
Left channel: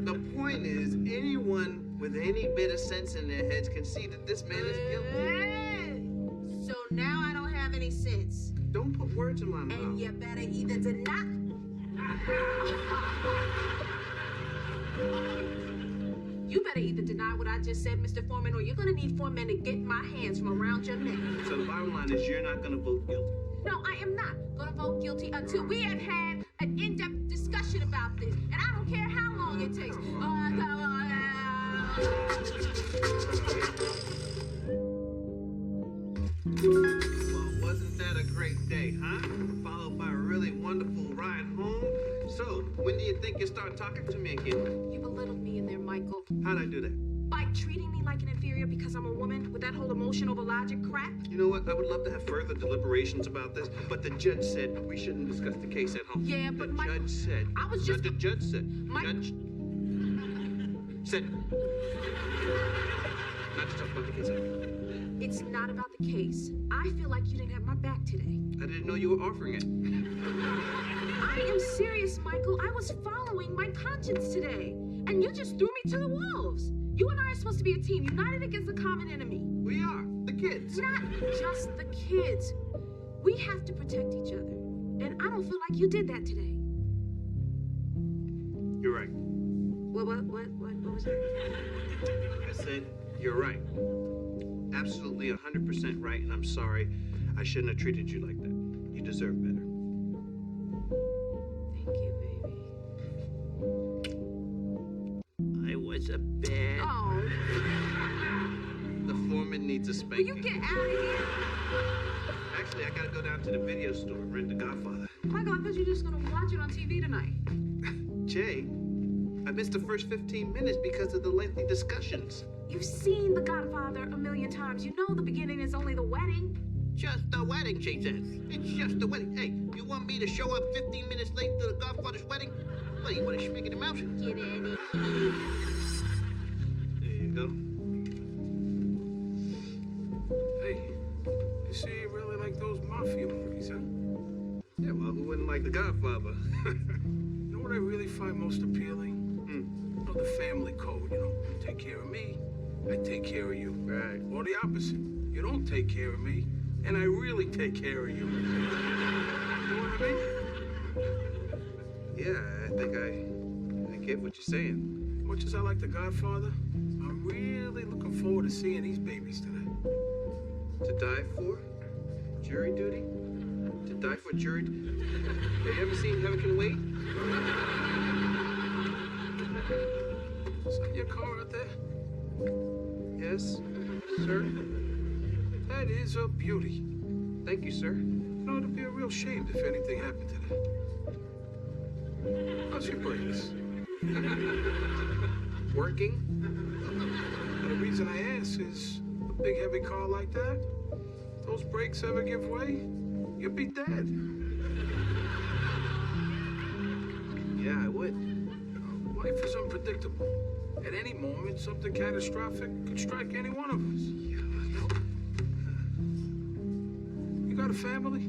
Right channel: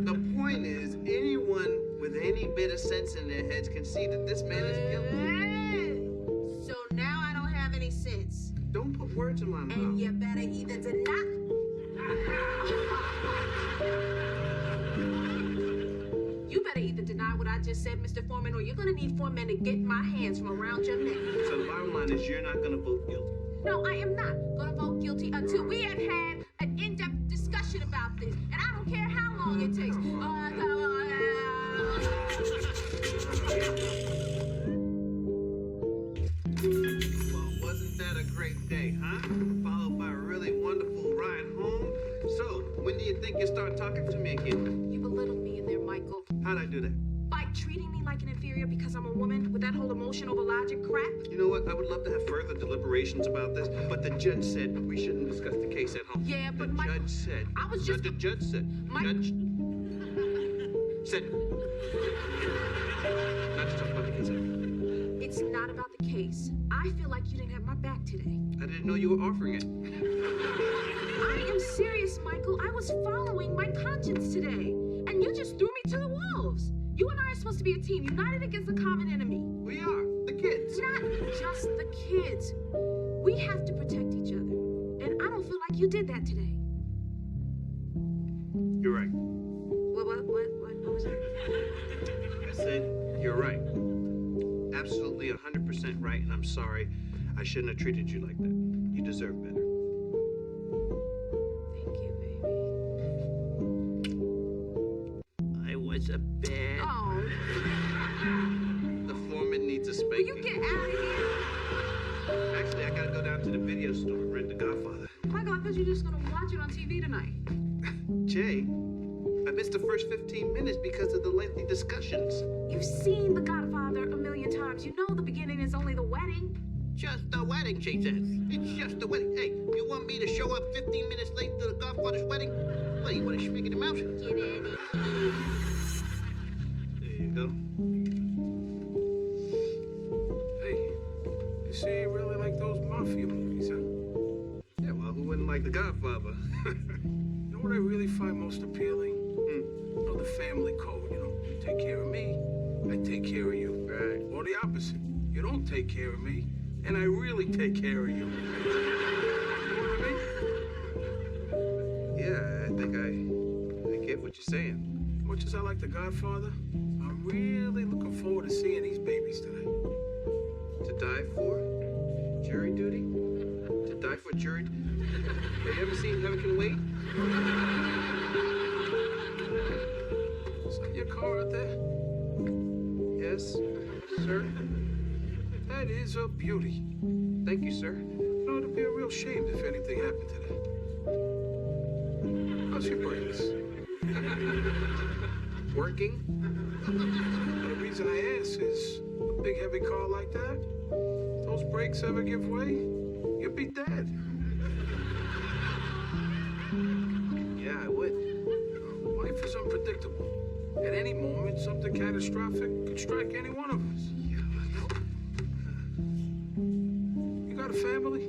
The point is, anyone with any bit of sense in their heads can see that this man is guilty. So now I don't have any sense. Don't put words in my mouth. And you better either deny. You better either deny what I just said, Mr. Foreman, or you're gonna need 4 men to get my hands from around your neck. So the bottom line is you're not gonna vote guilty. No, I am not gonna vote guilty until we have had an in-depth discussion about this. And I don't care how long it takes. Well, wasn't that a great day, huh? Followed by a really wonderful ride home. So, when do you think you start talking to me again? You belittled me in there, Michael. How'd I do that? By treating me like an inferior because I'm a woman with that whole emotion over logic crap. You know what? I would love to have further deliberations about this, but the judge said we shouldn't discuss the case at home. Yeah, but the Michael, judge said. I was just. The judge said. Judge said. Not to talk about the case at home. It's not about the case. I feel like you didn't have my back today. I didn't know you were offering it. I am serious, Michael. I was following my conscience today, and you just threw me to the wolves. You and I are supposed to be a team, united against a common enemy. We are the kids. Not just the kids. We have to protect each other, and I don't feel like you did that today. You're right. What was that? I said you're right. Absolutely 100% right, and I'm sorry. I shouldn't have treated you like that. You deserve better. Thank you, baby. I was a bad. Oh, The foreman needs a will spanking. you get out of here? Actually, I gotta go down to the video store and rent The Godfather. Michael, I thought you were just gonna watch it on TV tonight. Jay, I missed the first 15 minutes because of the lengthy discussions. You've seen The Godfather a million times. You know the beginning is only the wedding. Just the wedding, she says. It's just the wedding. Hey, you want me to show up 15 minutes late to the Godfather's wedding? What, you want to schmick in the mouth? Get in it. There you go. Hey, you see you really like those mafia movies, huh? Yeah, well, who wouldn't like The Godfather? You know what I really find most appealing? You know, the family code, you know. You take care of me, I take care of you. Right. Or the opposite. You don't take care of me, and I really take care of you. You know what I mean? Yeah, I think I get what you're saying. As much as I like The Godfather, I'm really looking forward to seeing these babies tonight. To die for? Jury duty? To die for jury? Have you ever seen Heaven Can Wait? Is that your car out there? Yes, sir. That is a beauty. Thank you, sir. You know, it'd be a real shame if anything happened to that. How's your brakes? Working? Well, the reason I ask is a big heavy car like that, if those brakes ever give way, you'd be dead. Yeah, I would. Life is unpredictable. At any moment, something catastrophic could strike any one of us. You got a family?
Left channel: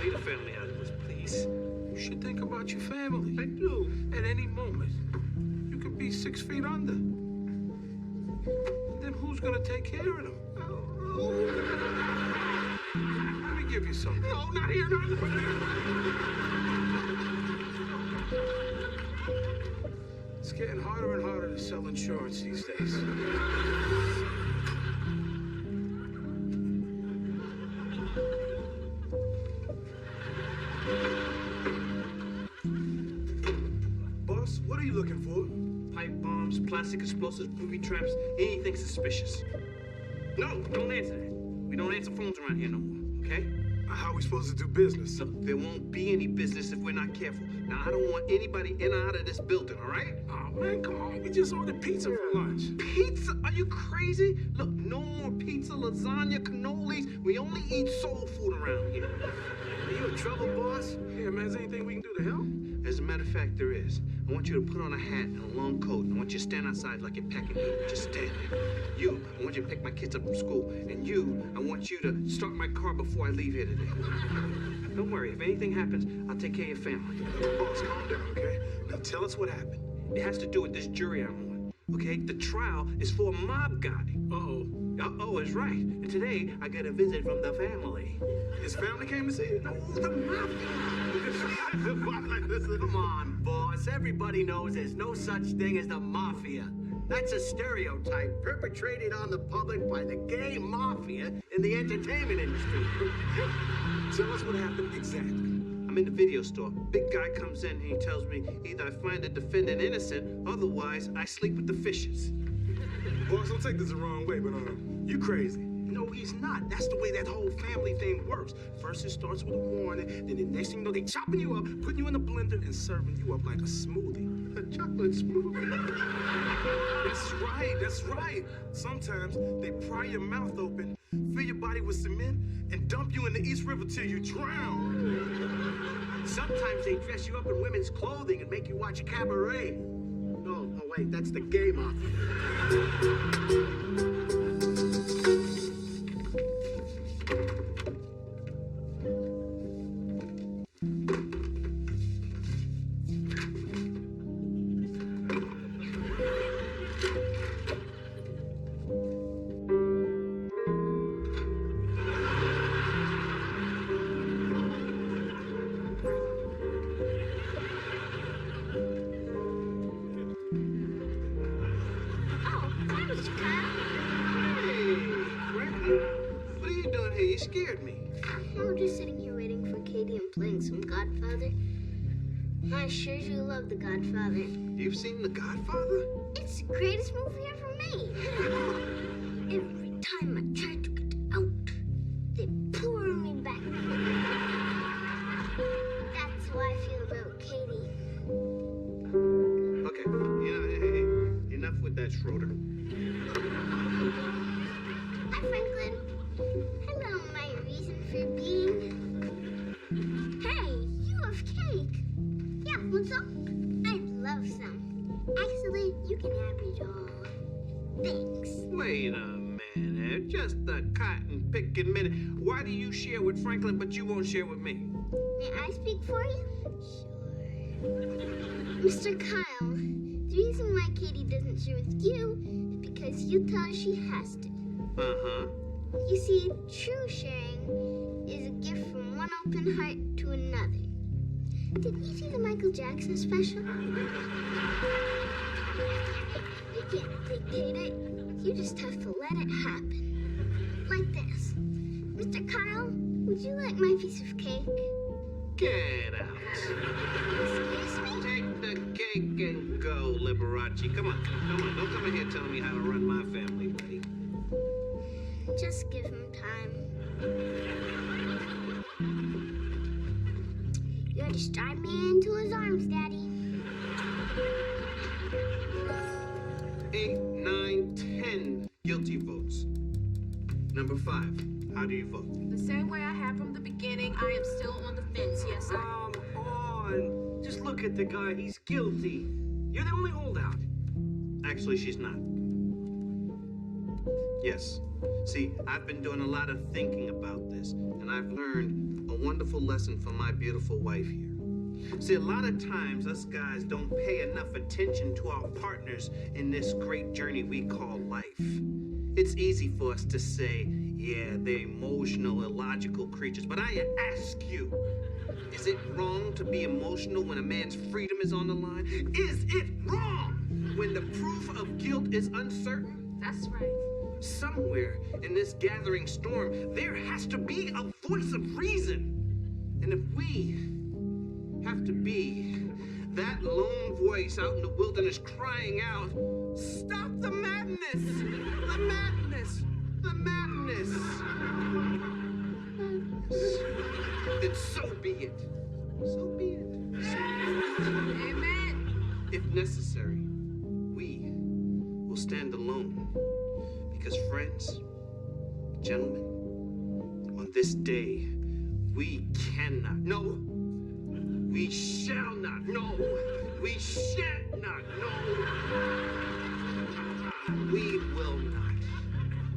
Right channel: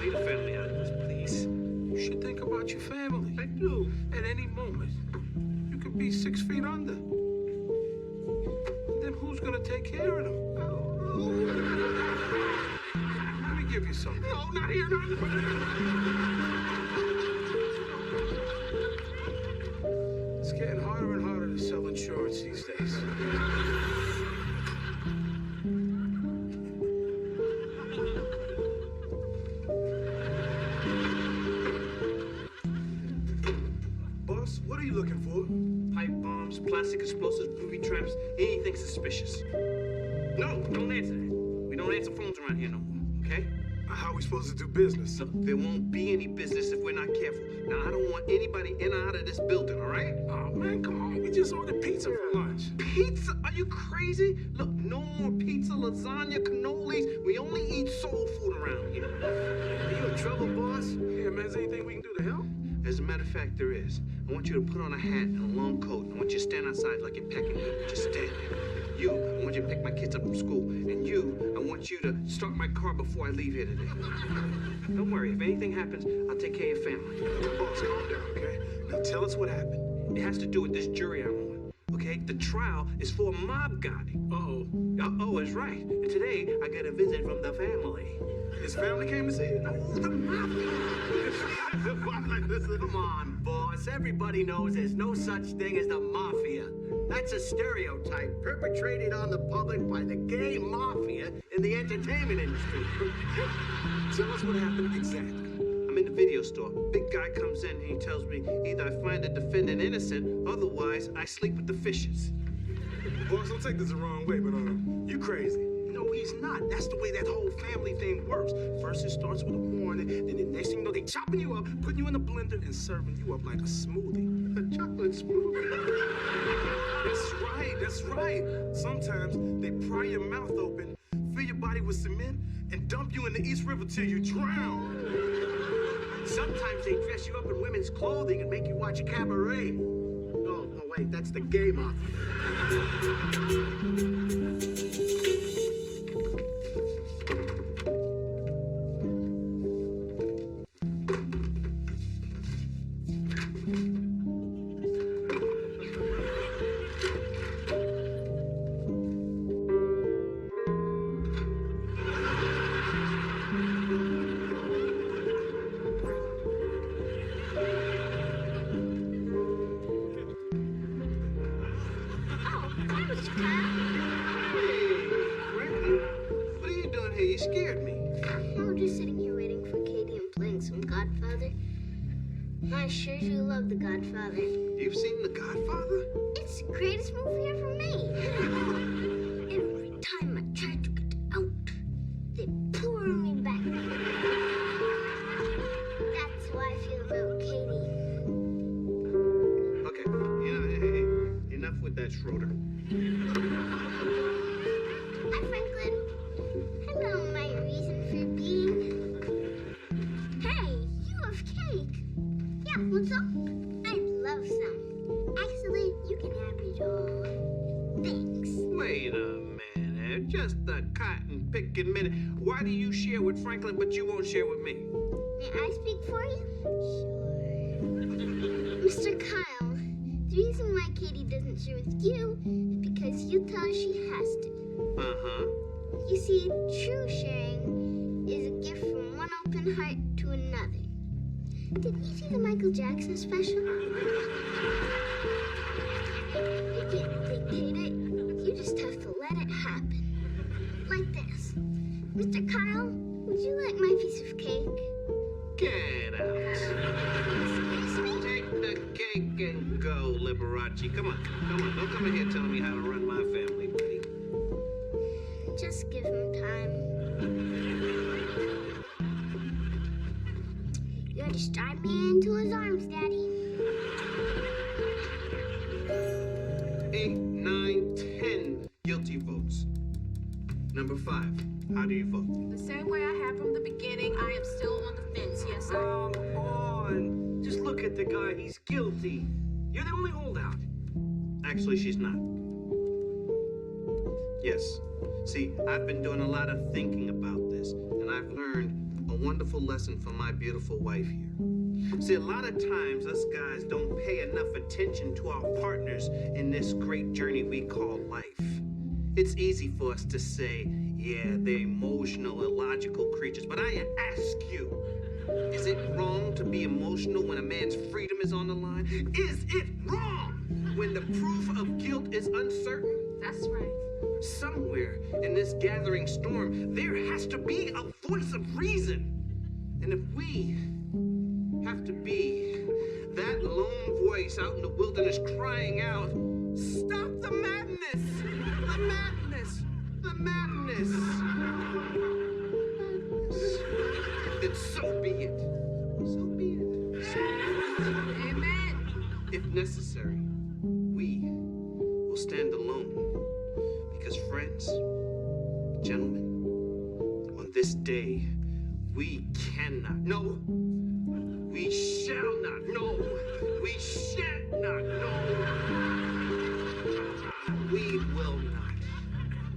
Leave the family out of this, please. You should think about your family. I do. At any moment, you could be 6 feet under. And then who's gonna take care of them? Let me give you something. No, not here, not here. It's getting harder and harder to sell insurance these days. Boss, what are you looking for? Pipe bombs, plastic explosives, booby traps, anything suspicious. No, don't answer that. We don't answer phones around here no more, okay? How are we supposed to do business? Look, there won't be any business if we're not careful. Now, I don't want anybody in or out of this building, all right? Oh, man, come on. We just ordered pizza for lunch. Pizza? Are you crazy? Look, no more pizza, lasagna, cannolis. We only eat soul food around here. Are you in trouble, boss? Yeah, man, is there anything we can do to help? As a matter of fact, there is. I want you to put on a hat and a long coat. I want you to stand outside like you're packing meat. Just stand there. You, I want you to pick my kids up from school. And you, I want you to start my car before I leave here today. Don't worry, if anything happens, I'll take care of your family. Boss, calm down, okay? Now tell us what happened. It has to do with this jury I'm on, okay? The trial is for a mob guy. Uh-oh. Uh-oh is right. And today, I got a visit from the family. His family came to see you? No, the mafia. Come on, boss. Everybody knows there's no such thing as the mafia. That's a stereotype perpetrated on the public by the gay mafia in the entertainment industry. Tell us what happened exactly. I'm in the video store. Big guy comes in and he tells me either I find the defendant innocent, otherwise I sleep with the fishes. Boss, don't take this the wrong way, but you crazy. No, he's not. That's the way that whole family thing works. First it starts with a warning, then the next thing you know, they chopping you up, putting you in a blender, and serving you up like a smoothie. A chocolate smoothie. That's right. Sometimes they pry your mouth open, fill your body with cement, and dump you in the East River till you drown. Sometimes they dress you up in women's clothing and make you watch cabaret. Oh, wait, that's the gay mafia. You scared me. I'm just sitting here waiting for Katie and playing some Godfather. I sure do love The Godfather. You've seen The Godfather? It's the greatest movie ever made. Every time I try to get out, they pour me back. That's how I feel about Katie. Okay, hey, enough with that, Schroeder. Hi, Franklin. Hello, my reason for being. Hey, you have cake. Yeah, what's up? I'd love some. Actually, you can have it all. Thanks. Wait a minute, just a cotton picking minute. Why do you share with Franklin but you won't share with me? May I speak for you? Sure. Mr. Kyle, the reason why Katie doesn't share with you is because you tell her she has to. Uh-huh. You see, true sharing is a gift from one open heart to another. Did you see the Michael Jackson special? You can't dictate it. You just have to let it happen. Like this. Mr. Kyle, would you like my piece of cake? Get out. Excuse me? Take the cake and go, Liberace. Come on. Don't come in here telling me how to run my family, buddy. Just give him time. You'll just drive me into his arms, Daddy. 8, 9, 10 guilty votes. Number 5, how do you vote? The same way I have from the beginning, I am still on the fence. Yes, I am. Come on. Just look at the guy. He's guilty. You're the only holdout. Actually, she's not. Yes. See, I've been doing a lot of thinking about this, and I've learned a wonderful lesson from my beautiful wife here. See, a lot of times us guys don't pay enough attention to our partners in this great journey we call life. It's easy for us to say, yeah, they're emotional, illogical creatures, but I ask you, is it wrong to be emotional when a man's freedom is on the line? Is it wrong when the proof of guilt is uncertain? That's right. Somewhere in this gathering storm, there has to be a voice of reason. And if we have to be that lone voice out in the wilderness crying out, stop the madness! The madness! The madness! So be it. So be it. Amen. If necessary, we will stand alone. Because friends, gentlemen, on this day, we cannot, no, we shall not, no, we shan't not, no, we will not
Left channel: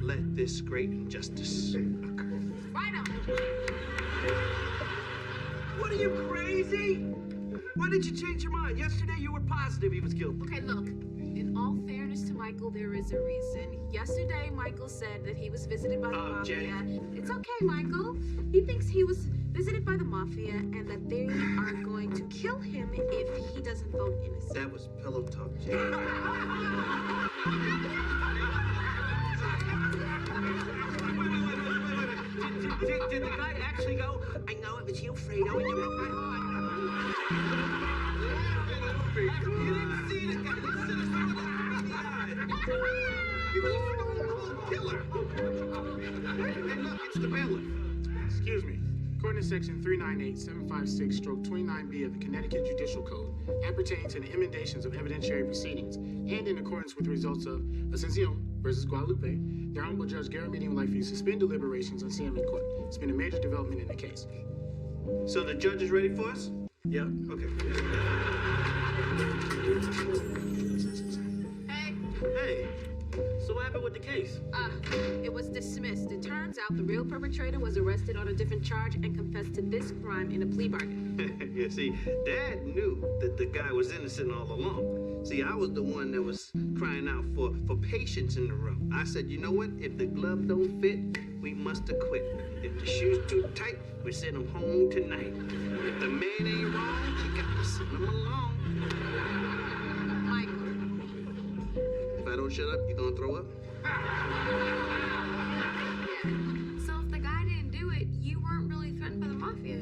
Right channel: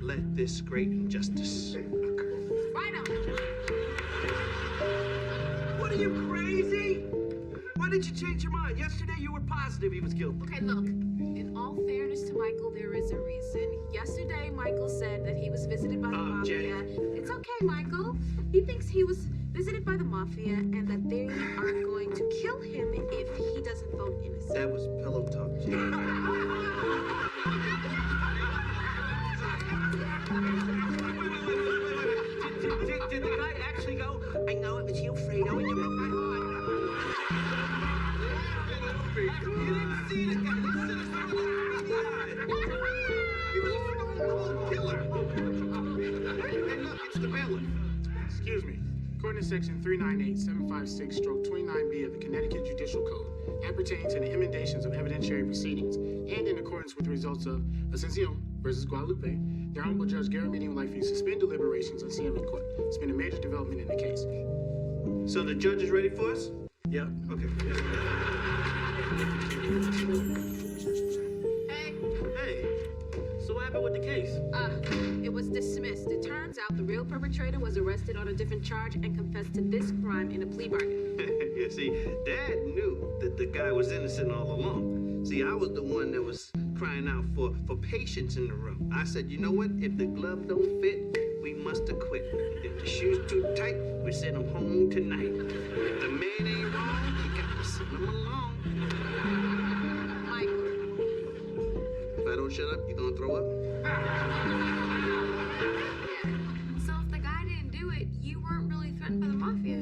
let this great injustice occur. Right on. What are you, crazy? Why did you change your mind? Yesterday you were positive he was guilty. Okay, look. In all fairness to Michael, there is a reason. Yesterday, Michael said that he was visited by the mafia. Jay. It's okay, Michael. He thinks he was visited by the mafia and that they are going to kill him if he doesn't vote innocent. That was pillow talk, Jay. Did the guy actually go, I know it was you, Fredo, and you broke my heart? You didn't see the guy. You should have saw him in the eye. He was a stone cold killer. Hey, look, it's the bailiff. Excuse me. According to Section 398-756-29B of the Connecticut Judicial Code, appertaining to the emendations of evidentiary proceedings, and in accordance with the results of Ascension versus Guadalupe, the Honorable Judge Garrett Meeting would like for you to suspend deliberations on CM in court. It's been a major development in the case. So the judge is ready for us? Yep. Okay. Hey, Hey, so what happened with the case? it was dismissed. It turns out the real perpetrator was arrested on a different charge and confessed to this crime in a plea bargain. Yeah, see, Dad knew that the guy was innocent all along. See, I was the one that was crying out for patience in the room. I said, you know what? If the glove don't fit, we must acquit. If the shoe's too tight, we send him home tonight. If the man ain't wrong, you got to send him along. Michael, If I don't shut up, you gonna throw up? So if the guy didn't do it, you weren't really threatened by the mafia.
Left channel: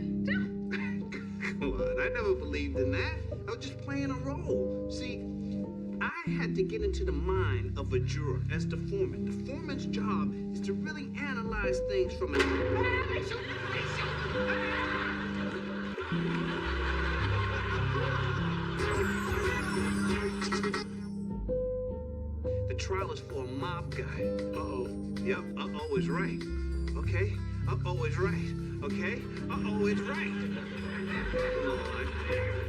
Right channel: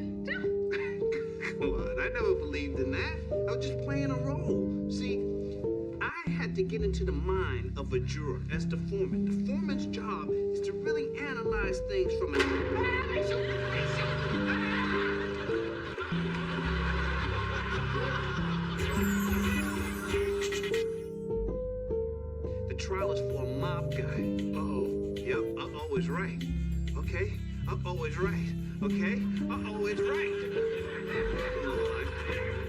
Come on, I never believed in that. I was just playing a role. See, I had to get into the mind of a juror as the foreman. The foreman's job is to really analyze things from an... The trial is for a mob guy. Uh-oh. Yep, uh-oh is right. Okay? Uh-oh is right. Okay? Uh-oh is right. Lord,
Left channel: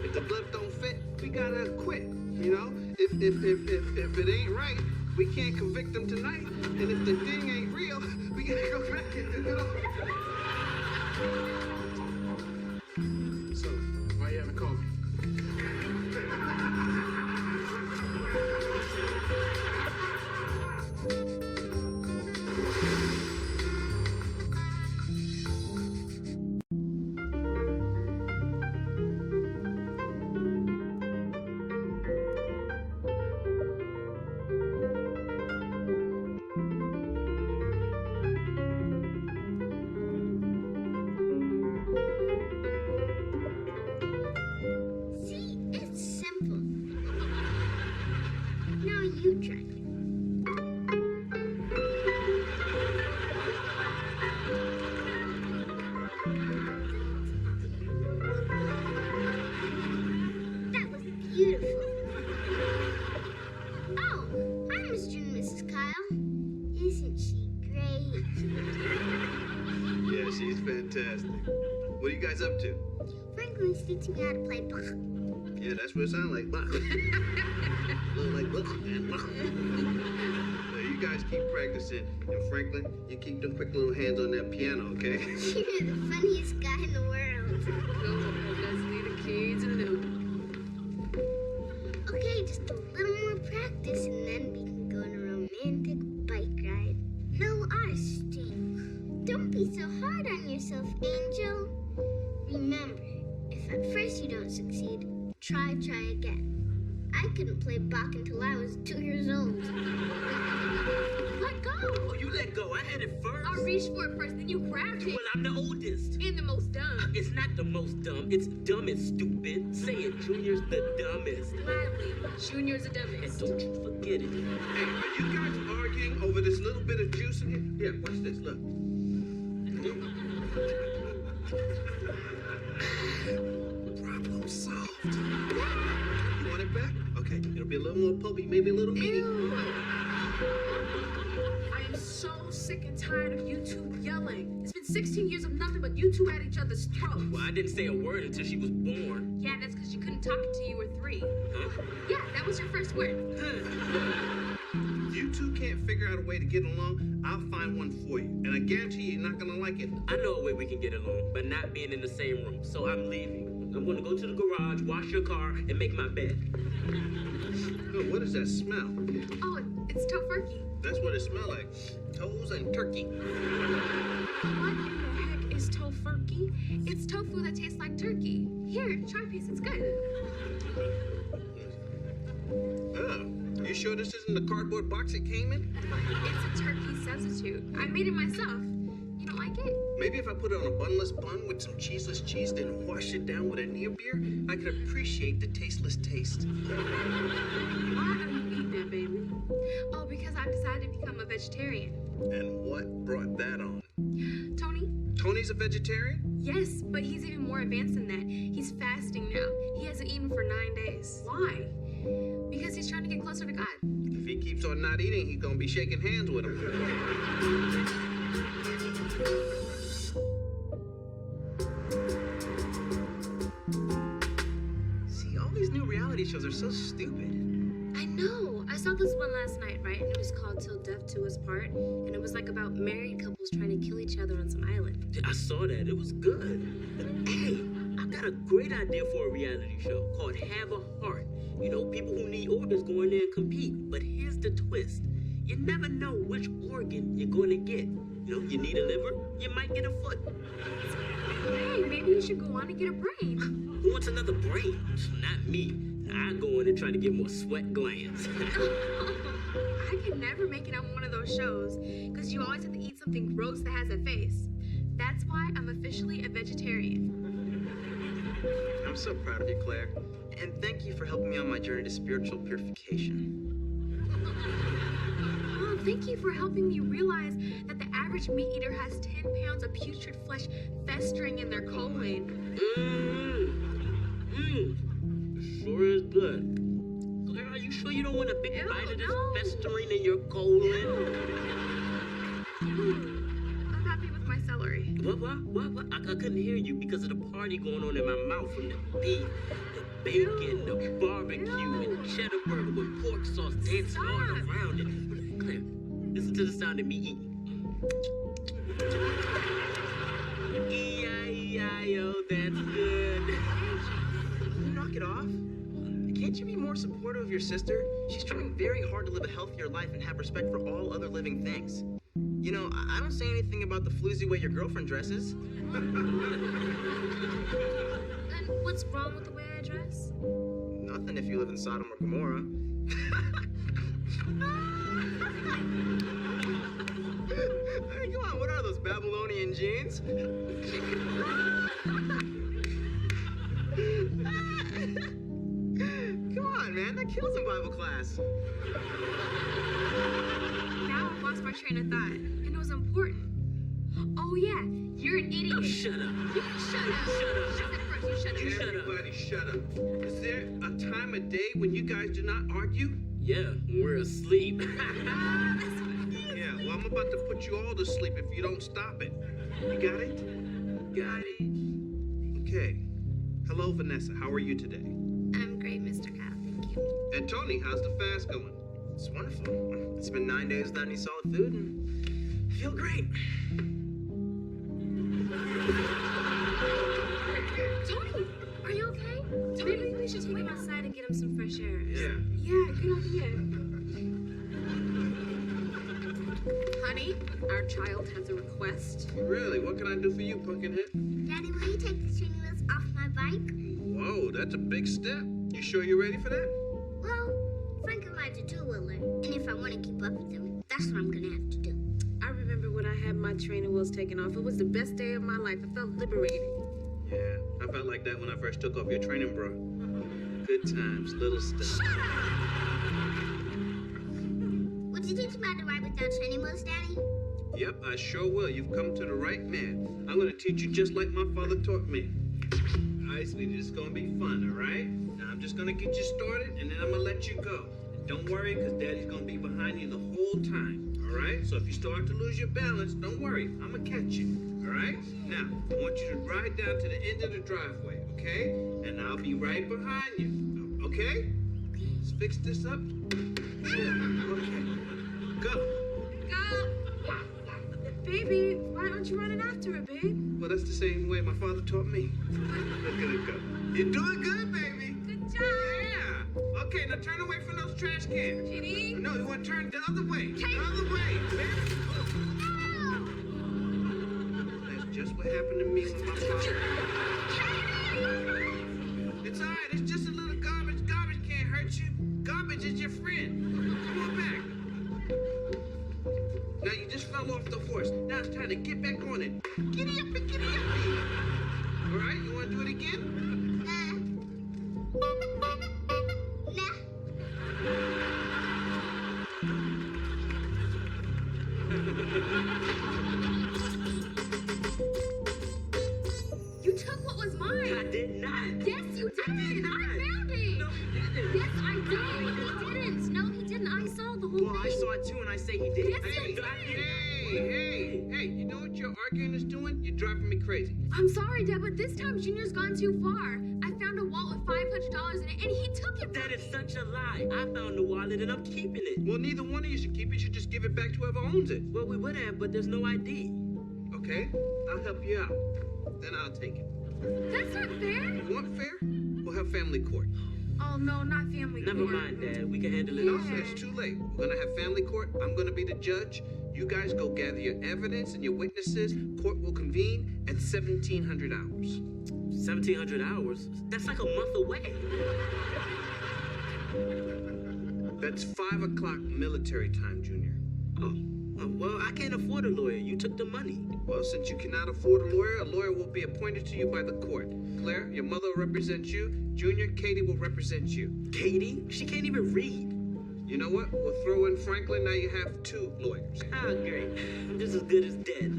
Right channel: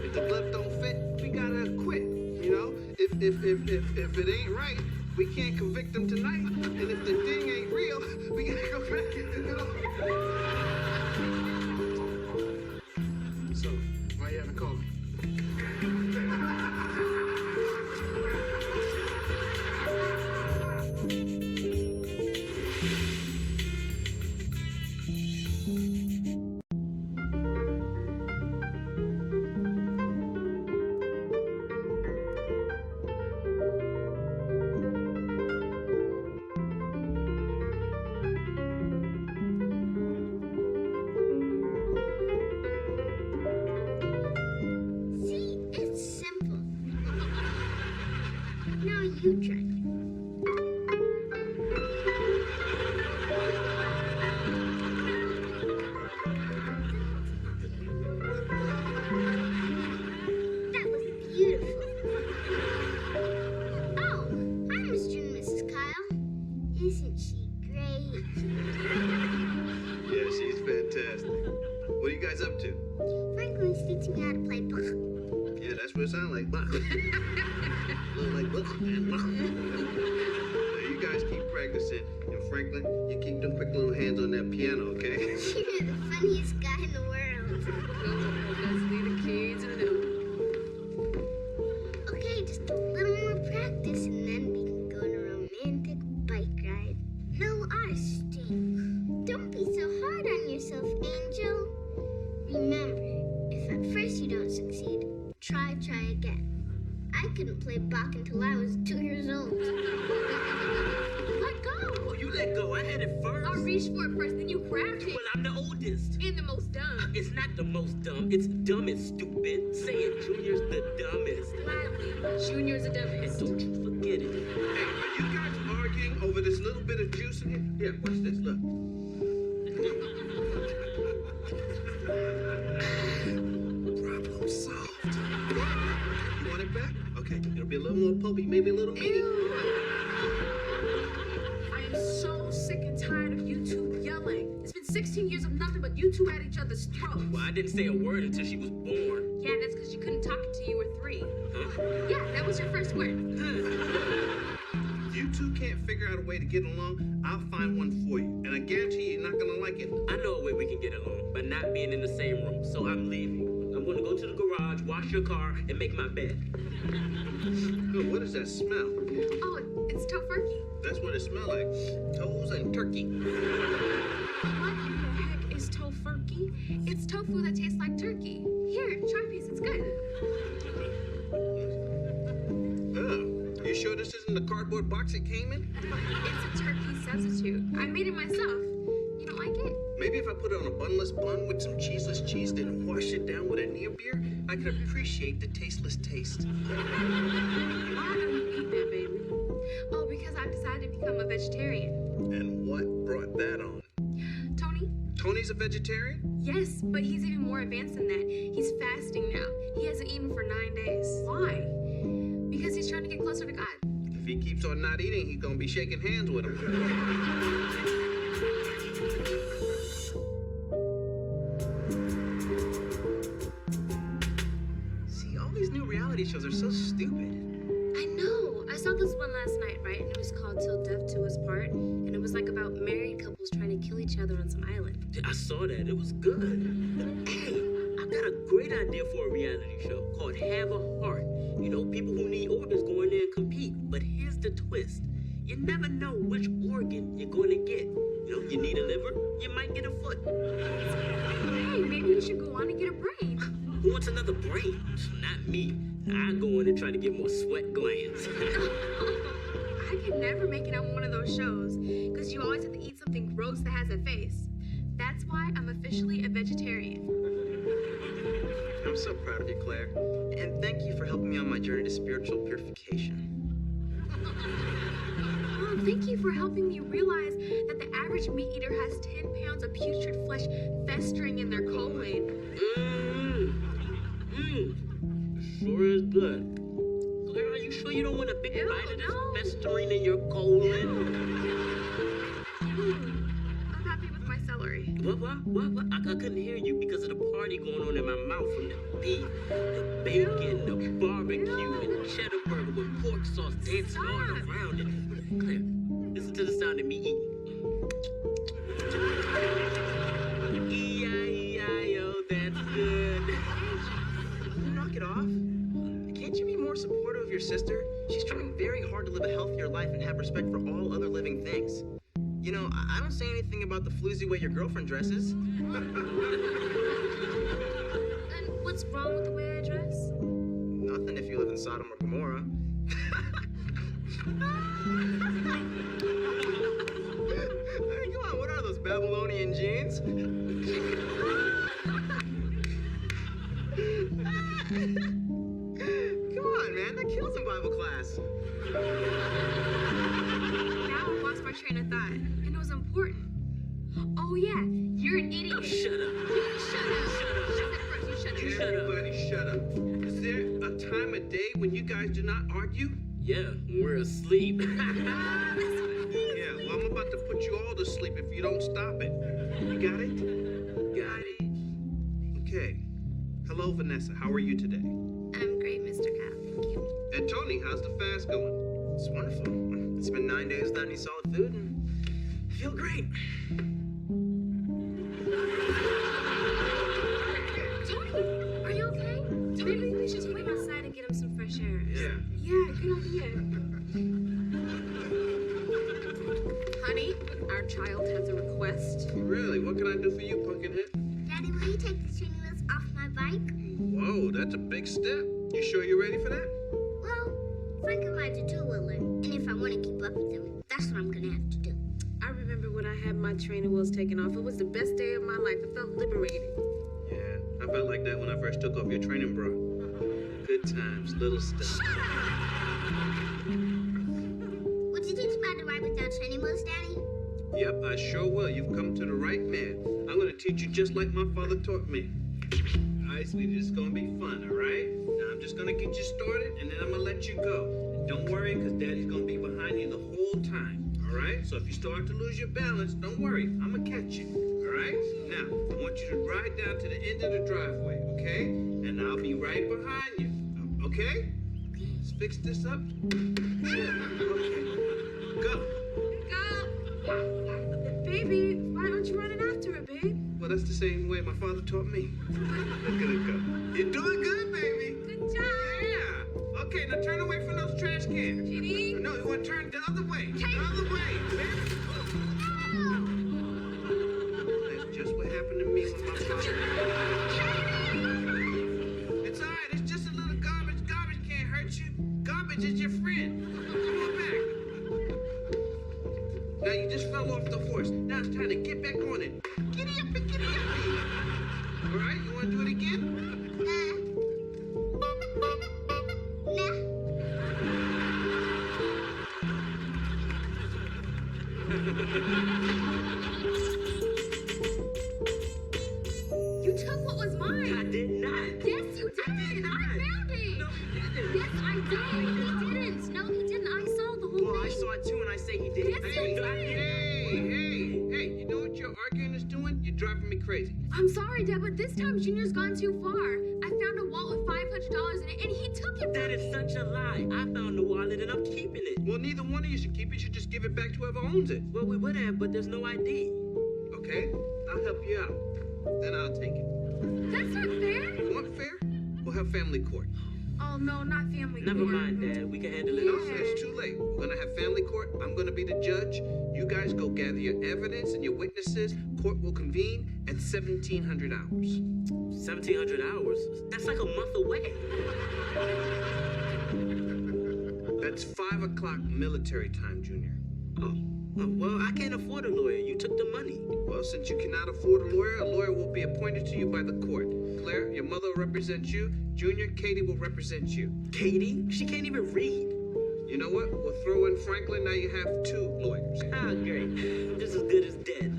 if the glove don't fit, we gotta quit. You know? If it ain't right, we can't convict them tonight. And if the thing ain't real, we gotta go back and, you know? So, why you haven't called me? See, it's simple. Now you try. That was beautiful. Oh, hi, Mr. and Mrs. Kyle. Isn't she great? Yeah, she's fantastic. What are you guys up to? Franklin's teaching me how to play Bach. Yeah, that's what it sounds like. Blah. Little like blah and blah. So you guys keep practicing. And Franklin, you keep them quick little hands on that piano, okay? You're the funniest guy in the world. let's leave the kids alone. Okay, just a little more practice and then we can go on a romantic bike ride. No arresting. Don't be so hard on yourself, Angel. Remember, if at first you don't succeed, try again. I couldn't play Bach until I was 2 years old. Let go. Oh, you let go. I had it first. I reached for it first, then you grabbed it. Well, I'm the oldest. And the most dumb. It's not the most dumb. It's dumbest, stupid. Say it. Junior's the dumbest. Gladly. Junior's a And dumbest. don't you forget it. Hey, are you guys arguing over this little bit of juice in here? Yeah, watch this, look. back? Okay, it'll be a little more pulpy, maybe a little meaty. I am so sick and tired of you two yelling. It's been 16 years of nothing but you two at each other's throats. Well, I didn't say a word until she was born. Yeah, that's because you couldn't talk until you were 3. Huh? Yeah, that was your first word. If you two can't figure out a way to get along, I'll find one for you. And I guarantee you're not gonna like it. I know a way we can get along, but not being in the same room. So I'm leaving. I'm going to go to the garage, wash your car, and make my bed. Oh, what does that smell? Oh, it's tofurkey. That's what it smells like. Toes and turkey. What in the heck is tofurkey? It's tofu that tastes like turkey. Here, try a piece. It's good. Oh, you sure this isn't the cardboard box it came in? It's a turkey substitute. I made it myself. You don't like it? Maybe if I put it on a bunless bun with some cheeseless cheese, then wash it down with a near beer, I could appreciate the tasteless taste. Why are you eating that, baby? Oh, because I've decided to become a vegetarian. And what brought that on? Tony? Tony's a vegetarian? Yes, but he's even more advanced than that. He's fasting now. He hasn't eaten for 9 days. Why? Because he's trying to get closer to God. If he keeps on not eating, he's gonna be shaking hands with him. See, all these new reality shows are so stupid. I know. I saw this one last night, right? And it was called Till Death Do Us Part. And it was like about married couples trying to kill each other on some island. I saw that. It was good. Hey, I got a great idea for a reality show called Have a Heart. You know, people who need organs go in there and compete. But here's the twist. You never know which organ you're going to get. You know, you need a liver, you might get a foot. Hey, maybe you should go on and get a brain. Who wants another brain? Not me. I go in and try to get more sweat glands. I could never make it on one of those shows because you always have to eat something gross that has a face. That's why I'm officially a vegetarian. I'm so proud of you, Claire. And thank you for helping me on my journey to spiritual purification. Oh, thank you for helping me realize that the average meat eater has 10 pounds of putrid flesh festering in their colon. Sure is good. Claire, are you sure you don't want a big Ew, bite of this no. festering in your colon? I'm happy with my celery. What? I couldn't hear you because of the party going on in my mouth from the beef, the bacon, the barbecue, and cheddar burger with pork sauce dancing all around it. Claire, listen to the sound of me eating. E-I-E-I-O, that's good. Can you knock it off? Can't you be more supportive of your sister? She's trying very hard to live a healthier life and have respect for all other living things. You know, I don't say anything about the floozy way your girlfriend dresses. And what's wrong with the way I dress? Nothing if you live in Sodom or Gomorrah. Hey, come on, what are those Babylonian jeans? Come on, man, that kills in Bible class. Now I've lost my train of thought. And it was important. Oh, yeah, you're an idiot. Oh, shut up. Shut up. Shut up. You shut up. You shut up. Everybody shut up. Is there a time of day when you guys do not argue? Yeah, we're asleep. Yeah, well, I'm about to put you all to sleep if you don't stop it. You got it? Got it. Okay. Hello, Vanessa. How are you today? I'm great, Mr. Kyle. Thank you. And Tony, how's the fast going? It's wonderful. It's been 9 days without any solid food, and I feel great. Tony, are you okay? Maybe we should take him outside and get him some fresh air. Yeah. Yeah, good idea. Honey, our child has a request. Really? What can I do for you, Pumpkinhead? Daddy, will you take the training wheels off my bike? Whoa, that's a big step. You sure you're ready for that? Well, Frank can ride the two-wheeler, and if I want to keep up with him, that's what I'm gonna have to do. I remember when I had my training wheels taken off. It was the best day of my life. I felt liberated. Yeah, I felt like that when I first took off your training bra. Good times, little stuff. Would you teach me how to ride without training wheels, Daddy? Yep, I sure will. You've come to the right man. I'm gonna teach you just like my father taught me. All right, sweetie, it's gonna be fun, all right? Now, I'm just gonna get you started, and then I'm gonna let you go. And don't worry, because Daddy's gonna be behind you the whole time. All right? So if you start to lose your balance, don't worry. I'm gonna catch you. All right? Now, I want you to ride down to the end of the driveway, okay? And I'll be right behind you. Okay? Let's fix this up. Okay. Go. Go. Baby, why aren't you running after her, babe? Well, that's the same way my father taught me. Look at it go. You're doing good, baby. Good job. Yeah. Okay, now turn away from those trash cans. Kitty. No, you want to turn the other way. Take- The other way, baby. That's just what happened to me with my father. It's all right. It's just a little garbage. Garbage can't hurt you. Garbage is your friend. Come on back. Now you just fell off the horse. Now it's time to get back on it. Giddy up and giddy up. All right, you want to do it again? Nah. You took what was mine. I did not. Yes, you did. I found it. No, you didn't. Yes, I did. He didn't. No, he didn't. I saw the whole Well, I thing. saw it too, and I say he did. Yes, you did. Hey, you know what your arguing is doing? You're driving me crazy. I'm sorry, Dad, but this time Junior's gone too far. I found a wallet with $500 in it, and he took it That from is me. such a lie. I found the wallet and I'm keeping it. Well, neither one of you should keep it. You should just give it back to whoever owns it. Well, we would have, but there's no ID. Okay? I'll help you out. Then I'll take it. That's not fair. You want fair? We'll have family court. Oh, no, not family Never court. mind, Dad. We can handle it No, ourselves. it's too late. We're gonna have family court. I'm gonna be the judge. You guys go gather your evidence and your witnesses. Court will convene at 1700 hours. 1,700 hours? That's like a month away. That's 5 o'clock military time, Junior. Oh, well, I can't afford a lawyer. You took the money. Well, since you cannot afford a lawyer will be appointed to you by the court. Claire, your mother will represent you. Junior, Katie will represent you. Katie? She can't even read. You know what? We'll throw in Franklin. Now you have 2 lawyers. Ah, great. I'm just as good as dead.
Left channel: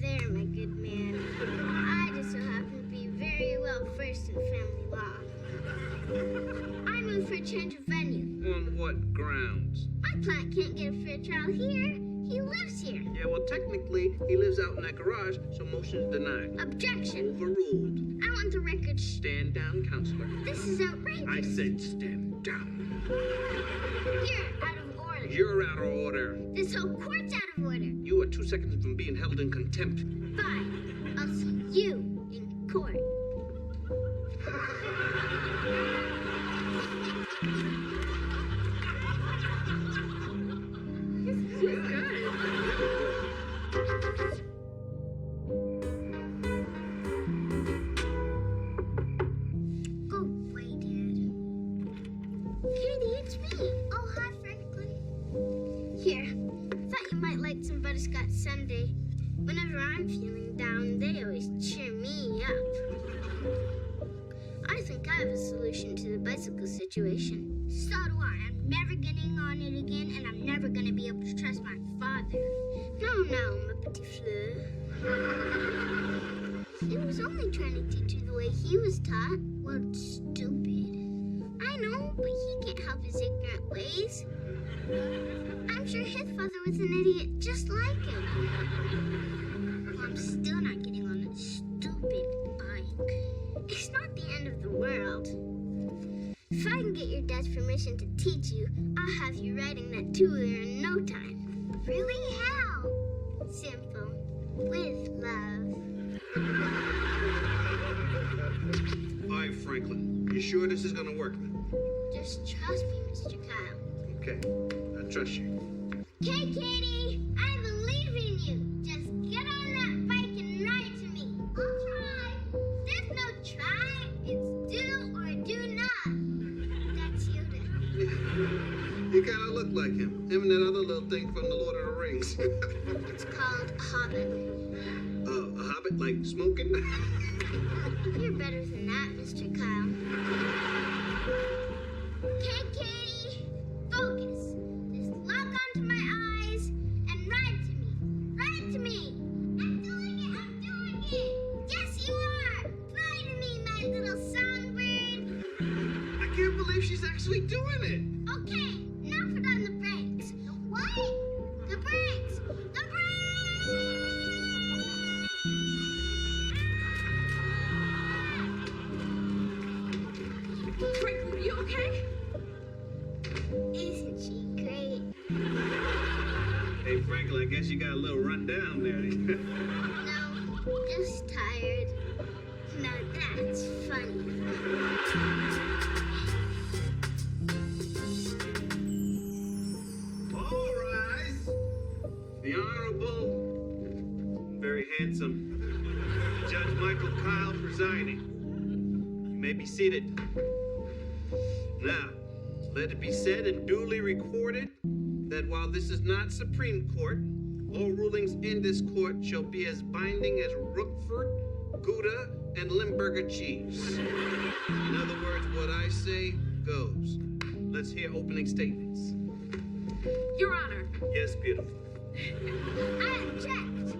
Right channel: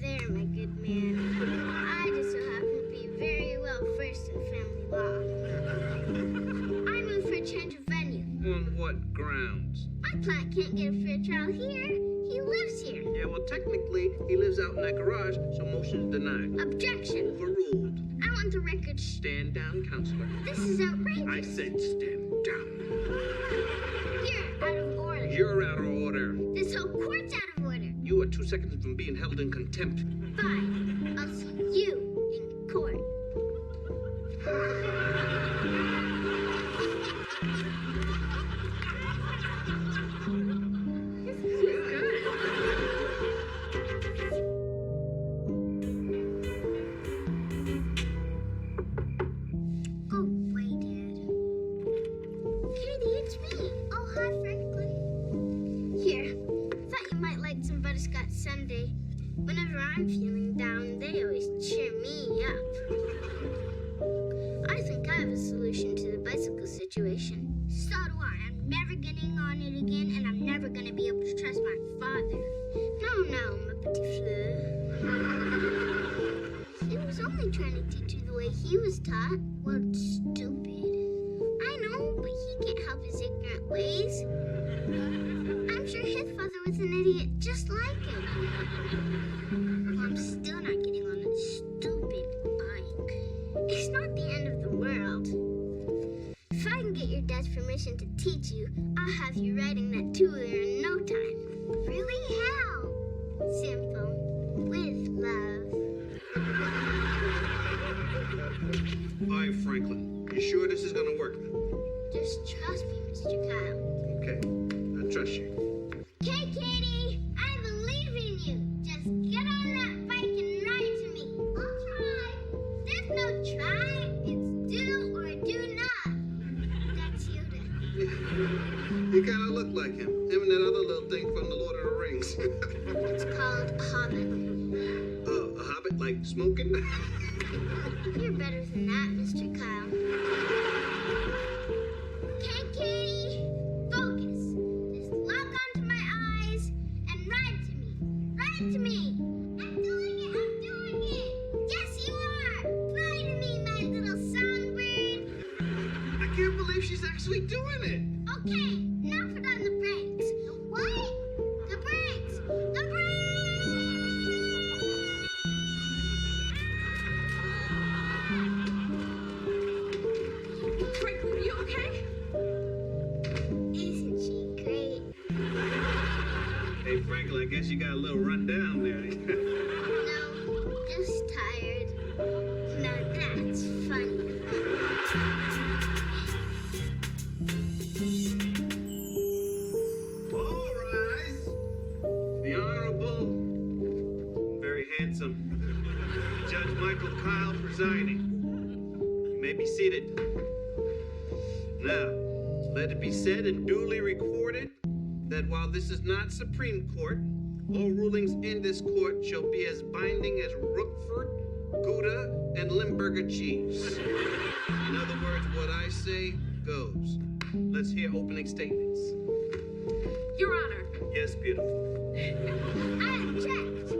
There, my good man. I just so happen to be very well versed in family law. I moved for a change of venue. On what grounds? My client can't get a fair trial here. He lives here. Yeah, well, technically, he lives out in that garage, so motion's denied. Objection. Overruled. I want the record. Stand down, counselor. This is outrageous. I said stand down. You're out of order. You're out of order. This whole court's out of order. You are 2 seconds from being held in contempt. Fine. I'll see you in court. Go away, Dad. Katie, it's me. Oh, hi, Franklin. Here, thought you might like some butterscotch sundae. Whenever I'm feeling down, they always cheer me up. I think I have a solution to the bicycle situation. So do I. I'm never getting on it again, and I'm never gonna be able to trust my father. No, ma petite fleur. He was only trying to teach you the way he was taught. Well, it's stupid. I know, but he can't help his ignorant ways. I'm sure his father was an idiot just like him. Well, I'm still not getting on that stupid bike. It's not the end of the world. If I can get your dad's permission to teach you, I'll have you riding that two-wheeler in no time. Really? How? Simple. With love. All right, Franklin. You sure this is gonna work? Just trust me, Mr. Kyle. Okay, I trust you. Okay, Katie, I believe in you. Just get on that bike and ride to me. I'll try. There's no try. It's do or do not. That's Yoda. You kind of look like him. Him and that other little thing from the Lord of the Rings. It's called a hobbit. A hobbit, like smoking? You're better than that, Mr. Kyle. Okay, Katie, focus. Just lock onto my eyes and ride to me. Ride to me. I'm doing it. Yes, you are. Fly to me, my little songbird. She's actually doing it. Okay, now put on the brakes. The what? The brakes! The brakes! Franklin, are you okay? Isn't she great? Hey, Franklin, I guess you got a little run down there. No, just tired. Now that's funny. All rise. The Honorable, very handsome Judge Michael Kyle presiding. You may be seated. Now, let it be said and duly recorded that while this is not Supreme Court, all rulings in this court shall be as binding as Roquefort, Gouda, and Limburger cheese. In other words, what I say goes. Let's hear opening statements. Your Honor. Yes, beautiful. I object.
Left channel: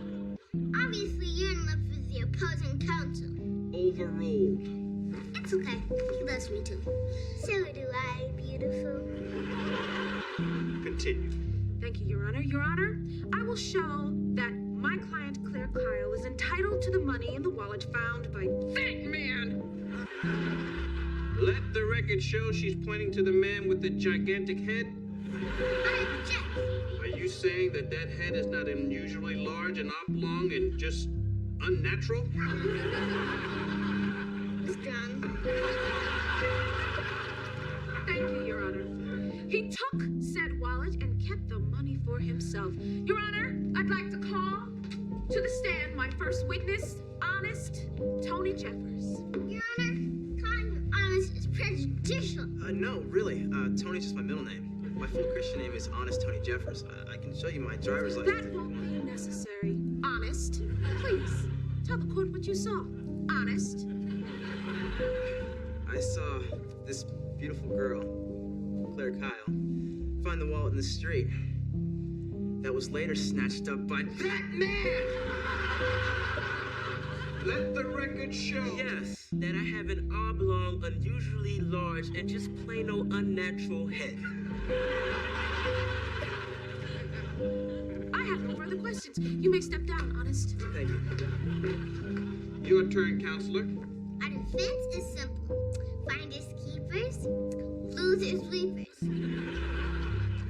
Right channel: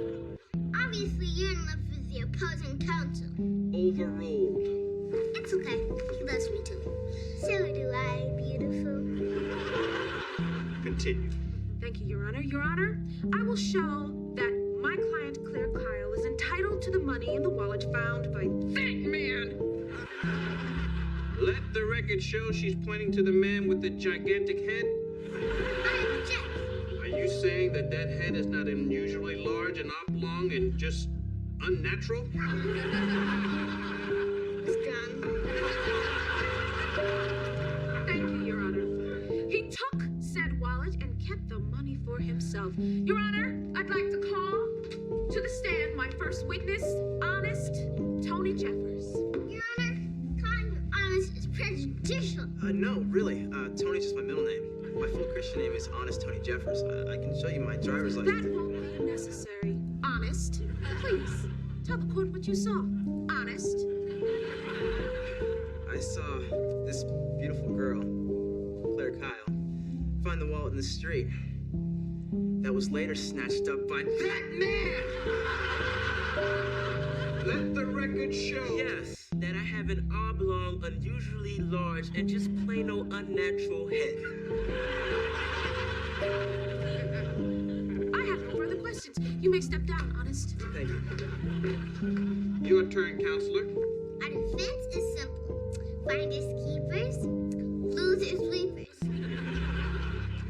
Obviously, you're in love with the opposing counsel. Overruled. It's okay. He loves me too. So do I, beautiful. Continue. Thank you, Your Honor. Your Honor, I will show that my client, Claire Kyle, is entitled to the money in the wallet found by that man. Let the record show she's pointing to the man with the gigantic head. I object. Are you saying that that head is not unusually large and oblong and just unnatural? Withdrawn. Thank you, Your Honor. He took said wallet and kept the money for himself. Your Honor, I'd like to call to the stand my first witness, Honest Tony Jeffers. Your Honor, calling him honest is prejudicial. No, really. Tony's just my middle name. My full Christian name is Honest Tony Jeffers. I can show you my driver's license. That won't be necessary. Honest, please, tell the court what you saw. Honest. I saw this beautiful girl, Claire Kyle, find the wallet in the street. That was later snatched up by that man! Let the record show. Yes, that I have an oblong, unusually large, and just plain old unnatural head. I have no further questions. You may step down, Honest. Thank you. Your turn, counselor. Our defense is simple. Finders keepers, losers weepers.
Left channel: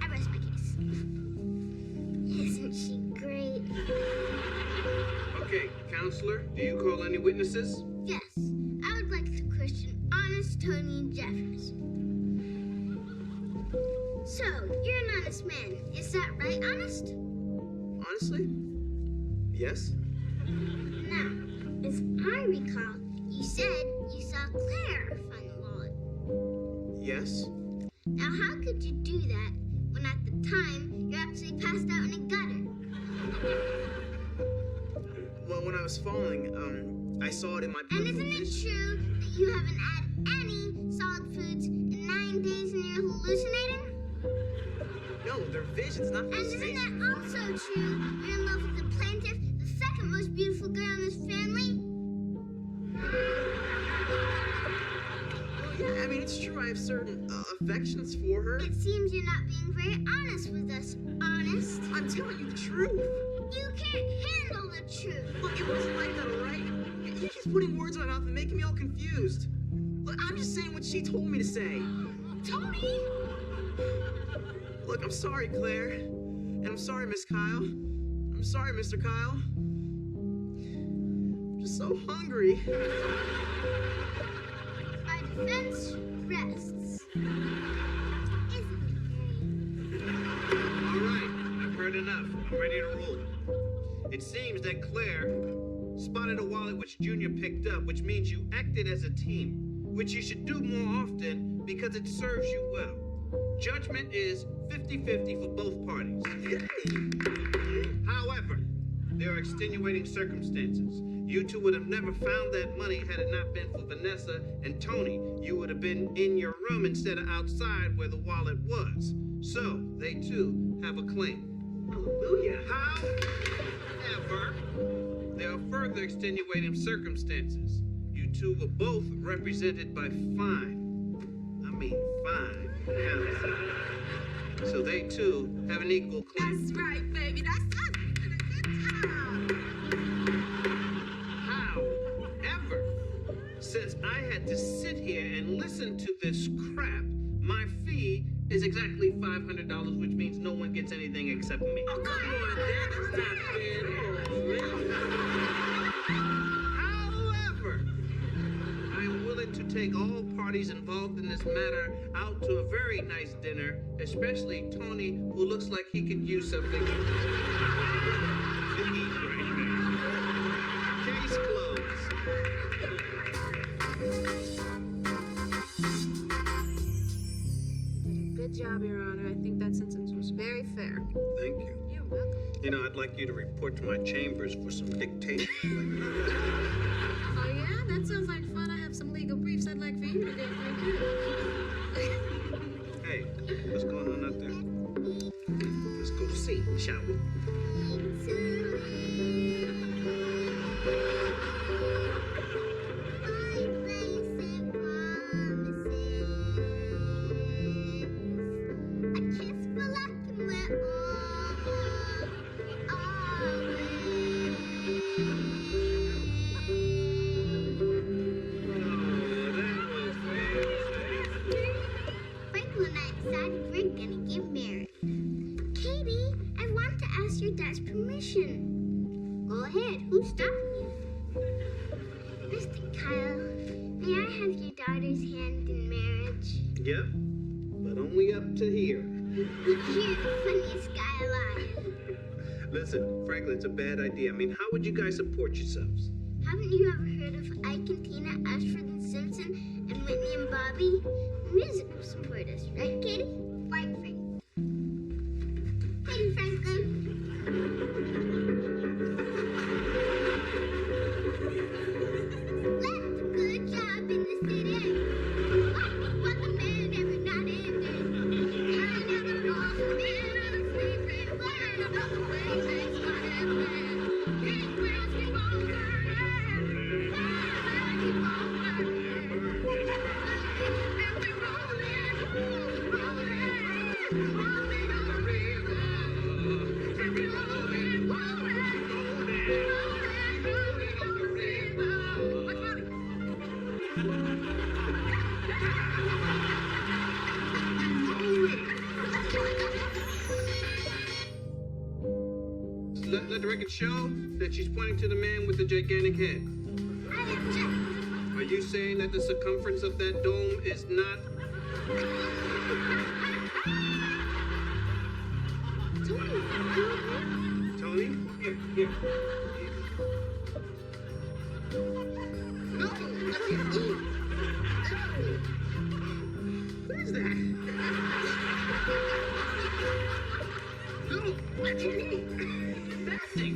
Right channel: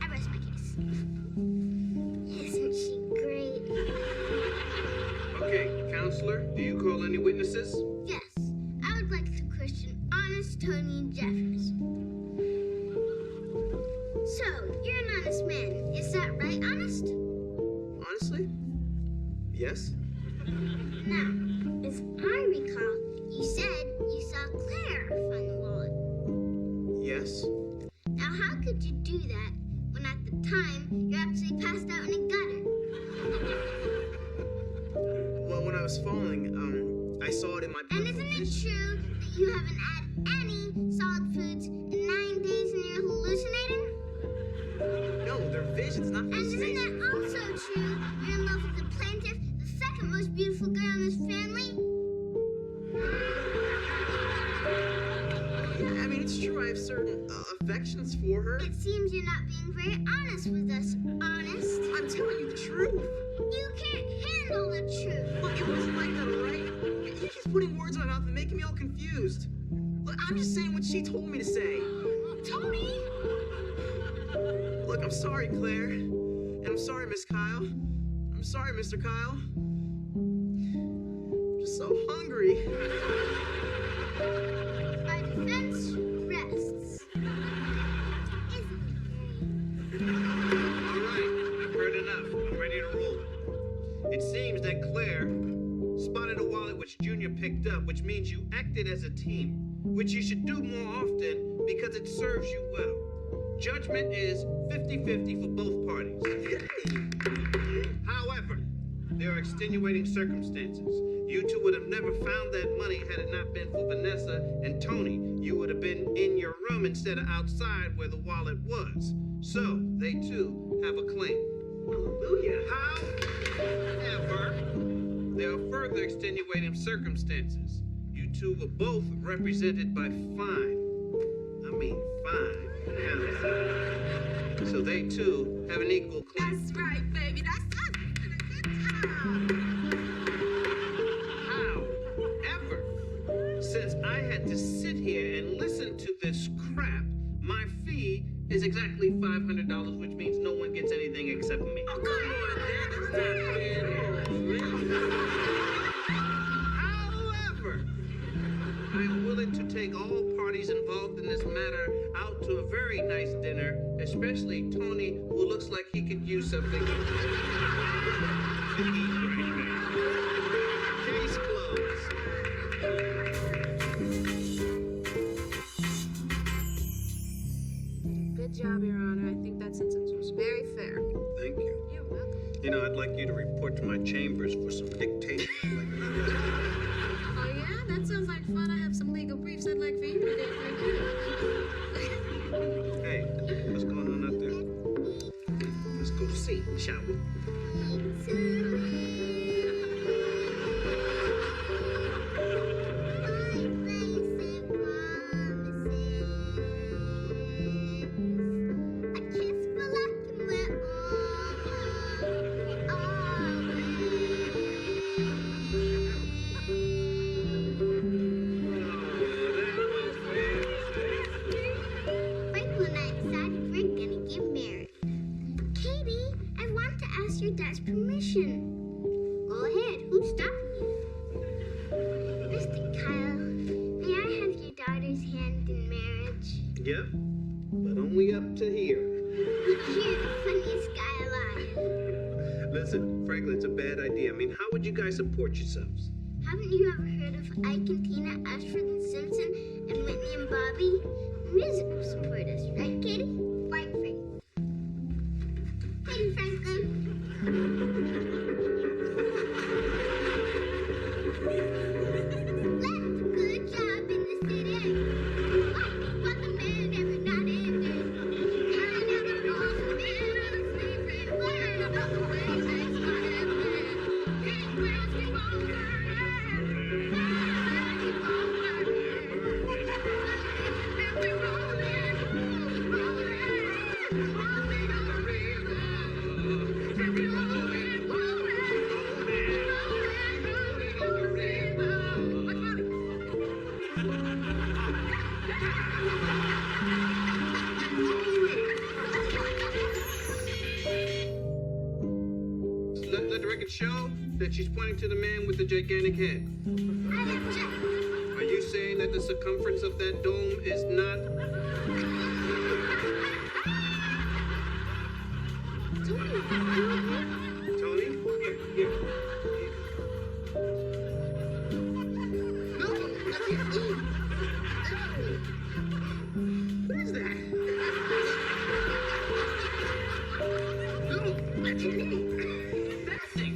I rest my case. Isn't she great? Okay, counselor, do you call any witnesses? Yes, I would like to question Honest Tony Jeffers. So, you're an honest man. Is that right, Honest? Honestly? Yes? Now, as I recall, you said you saw Claire find the wallet. Yes? Now, how could you do that when at the time you're actually passed out in a gutter? Well, when I was falling, I saw it in my And peripheral isn't it vision. true that you haven't had any solid foods in 9 days and you're hallucinating? No, they're visions, not And isn't hallucinations. it also true you're in love with the plaintiff, the second most beautiful girl in this family? Yeah, I mean, it's true. I have certain affections for her. It seems you're not being very honest with us, Honest. I'm telling you the truth. You can't handle the truth. Look, it wasn't like that, all right? You're just putting words in my mouth and making me all confused. Look, I'm just saying what she told me to say. Tony! Look, I'm sorry, Claire. And I'm sorry, Miss Kyle. I'm sorry, Mr. Kyle. I'm just so hungry. Our defense rests. Isn't it great? All right, I've heard enough. I'm ready to rule. It seems that Claire spotted a wallet which Junior picked up, which means you acted as a team, which you should do more often because it serves you well. Judgment is 50-50 for both parties. However, there are extenuating circumstances. You two would have never found that money had it not been for Vanessa and Tony. You would have been in your room instead of outside where the wallet was. So, they too have a claim. Hallelujah. However, there are further extenuating circumstances. You two were both represented by fine counts. So they too have an equal claim. That's right, baby. That's us. Good job. However, since I had to sit here and listen to this crap, my fee is exactly $500, which means no one gets anything except me. Oh, come on, Dad. That's not fair at all, man. However, I am willing to take all parties involved in this matter out to a very nice dinner, especially Tony, who looks like he could use something to eat right now. Case closed. You did a good job, Your Honor. I think that sentence was very fair. Thank you. You're welcome. You know, I'd like you to report to my chambers for some dictation. Oh, yeah? That sounds like fun. I have some legal briefs I'd like for you to do. Hey, what's going on out there? Let's go see, shall we? Franklin and I decided we're gonna get married. Katie, I want to ask your dad's permission. Go ahead, who's stopping you? Mr. Kyle, may I have your daughter's hand in marriage? Yep, but only up to here. You're the funniest guy alive. Listen, Franklin, it's a bad idea. I mean, how would you guys support yourselves? Haven't you ever heard of Ike and Tina, Ashford and Simpson, and Whitney and Bobby? Music will support us, right, Katie? Right, Franklin. Katie, Franklin. That's a good job in the city. What the man every night and day. I never lost a minute sleeping. Learn about the way things might have been. Big wheels keep on turning. Keep on turning. And we're rolling, rolling on the river. And we're rolling, rolling on the river. What's funny? Let the record show that she's pointing to the man with the gigantic head. I object. Are you saying that the circumference of that dome is not... Tony? Here. No, I can't eat. What is that? No, I can't eat. Fasting.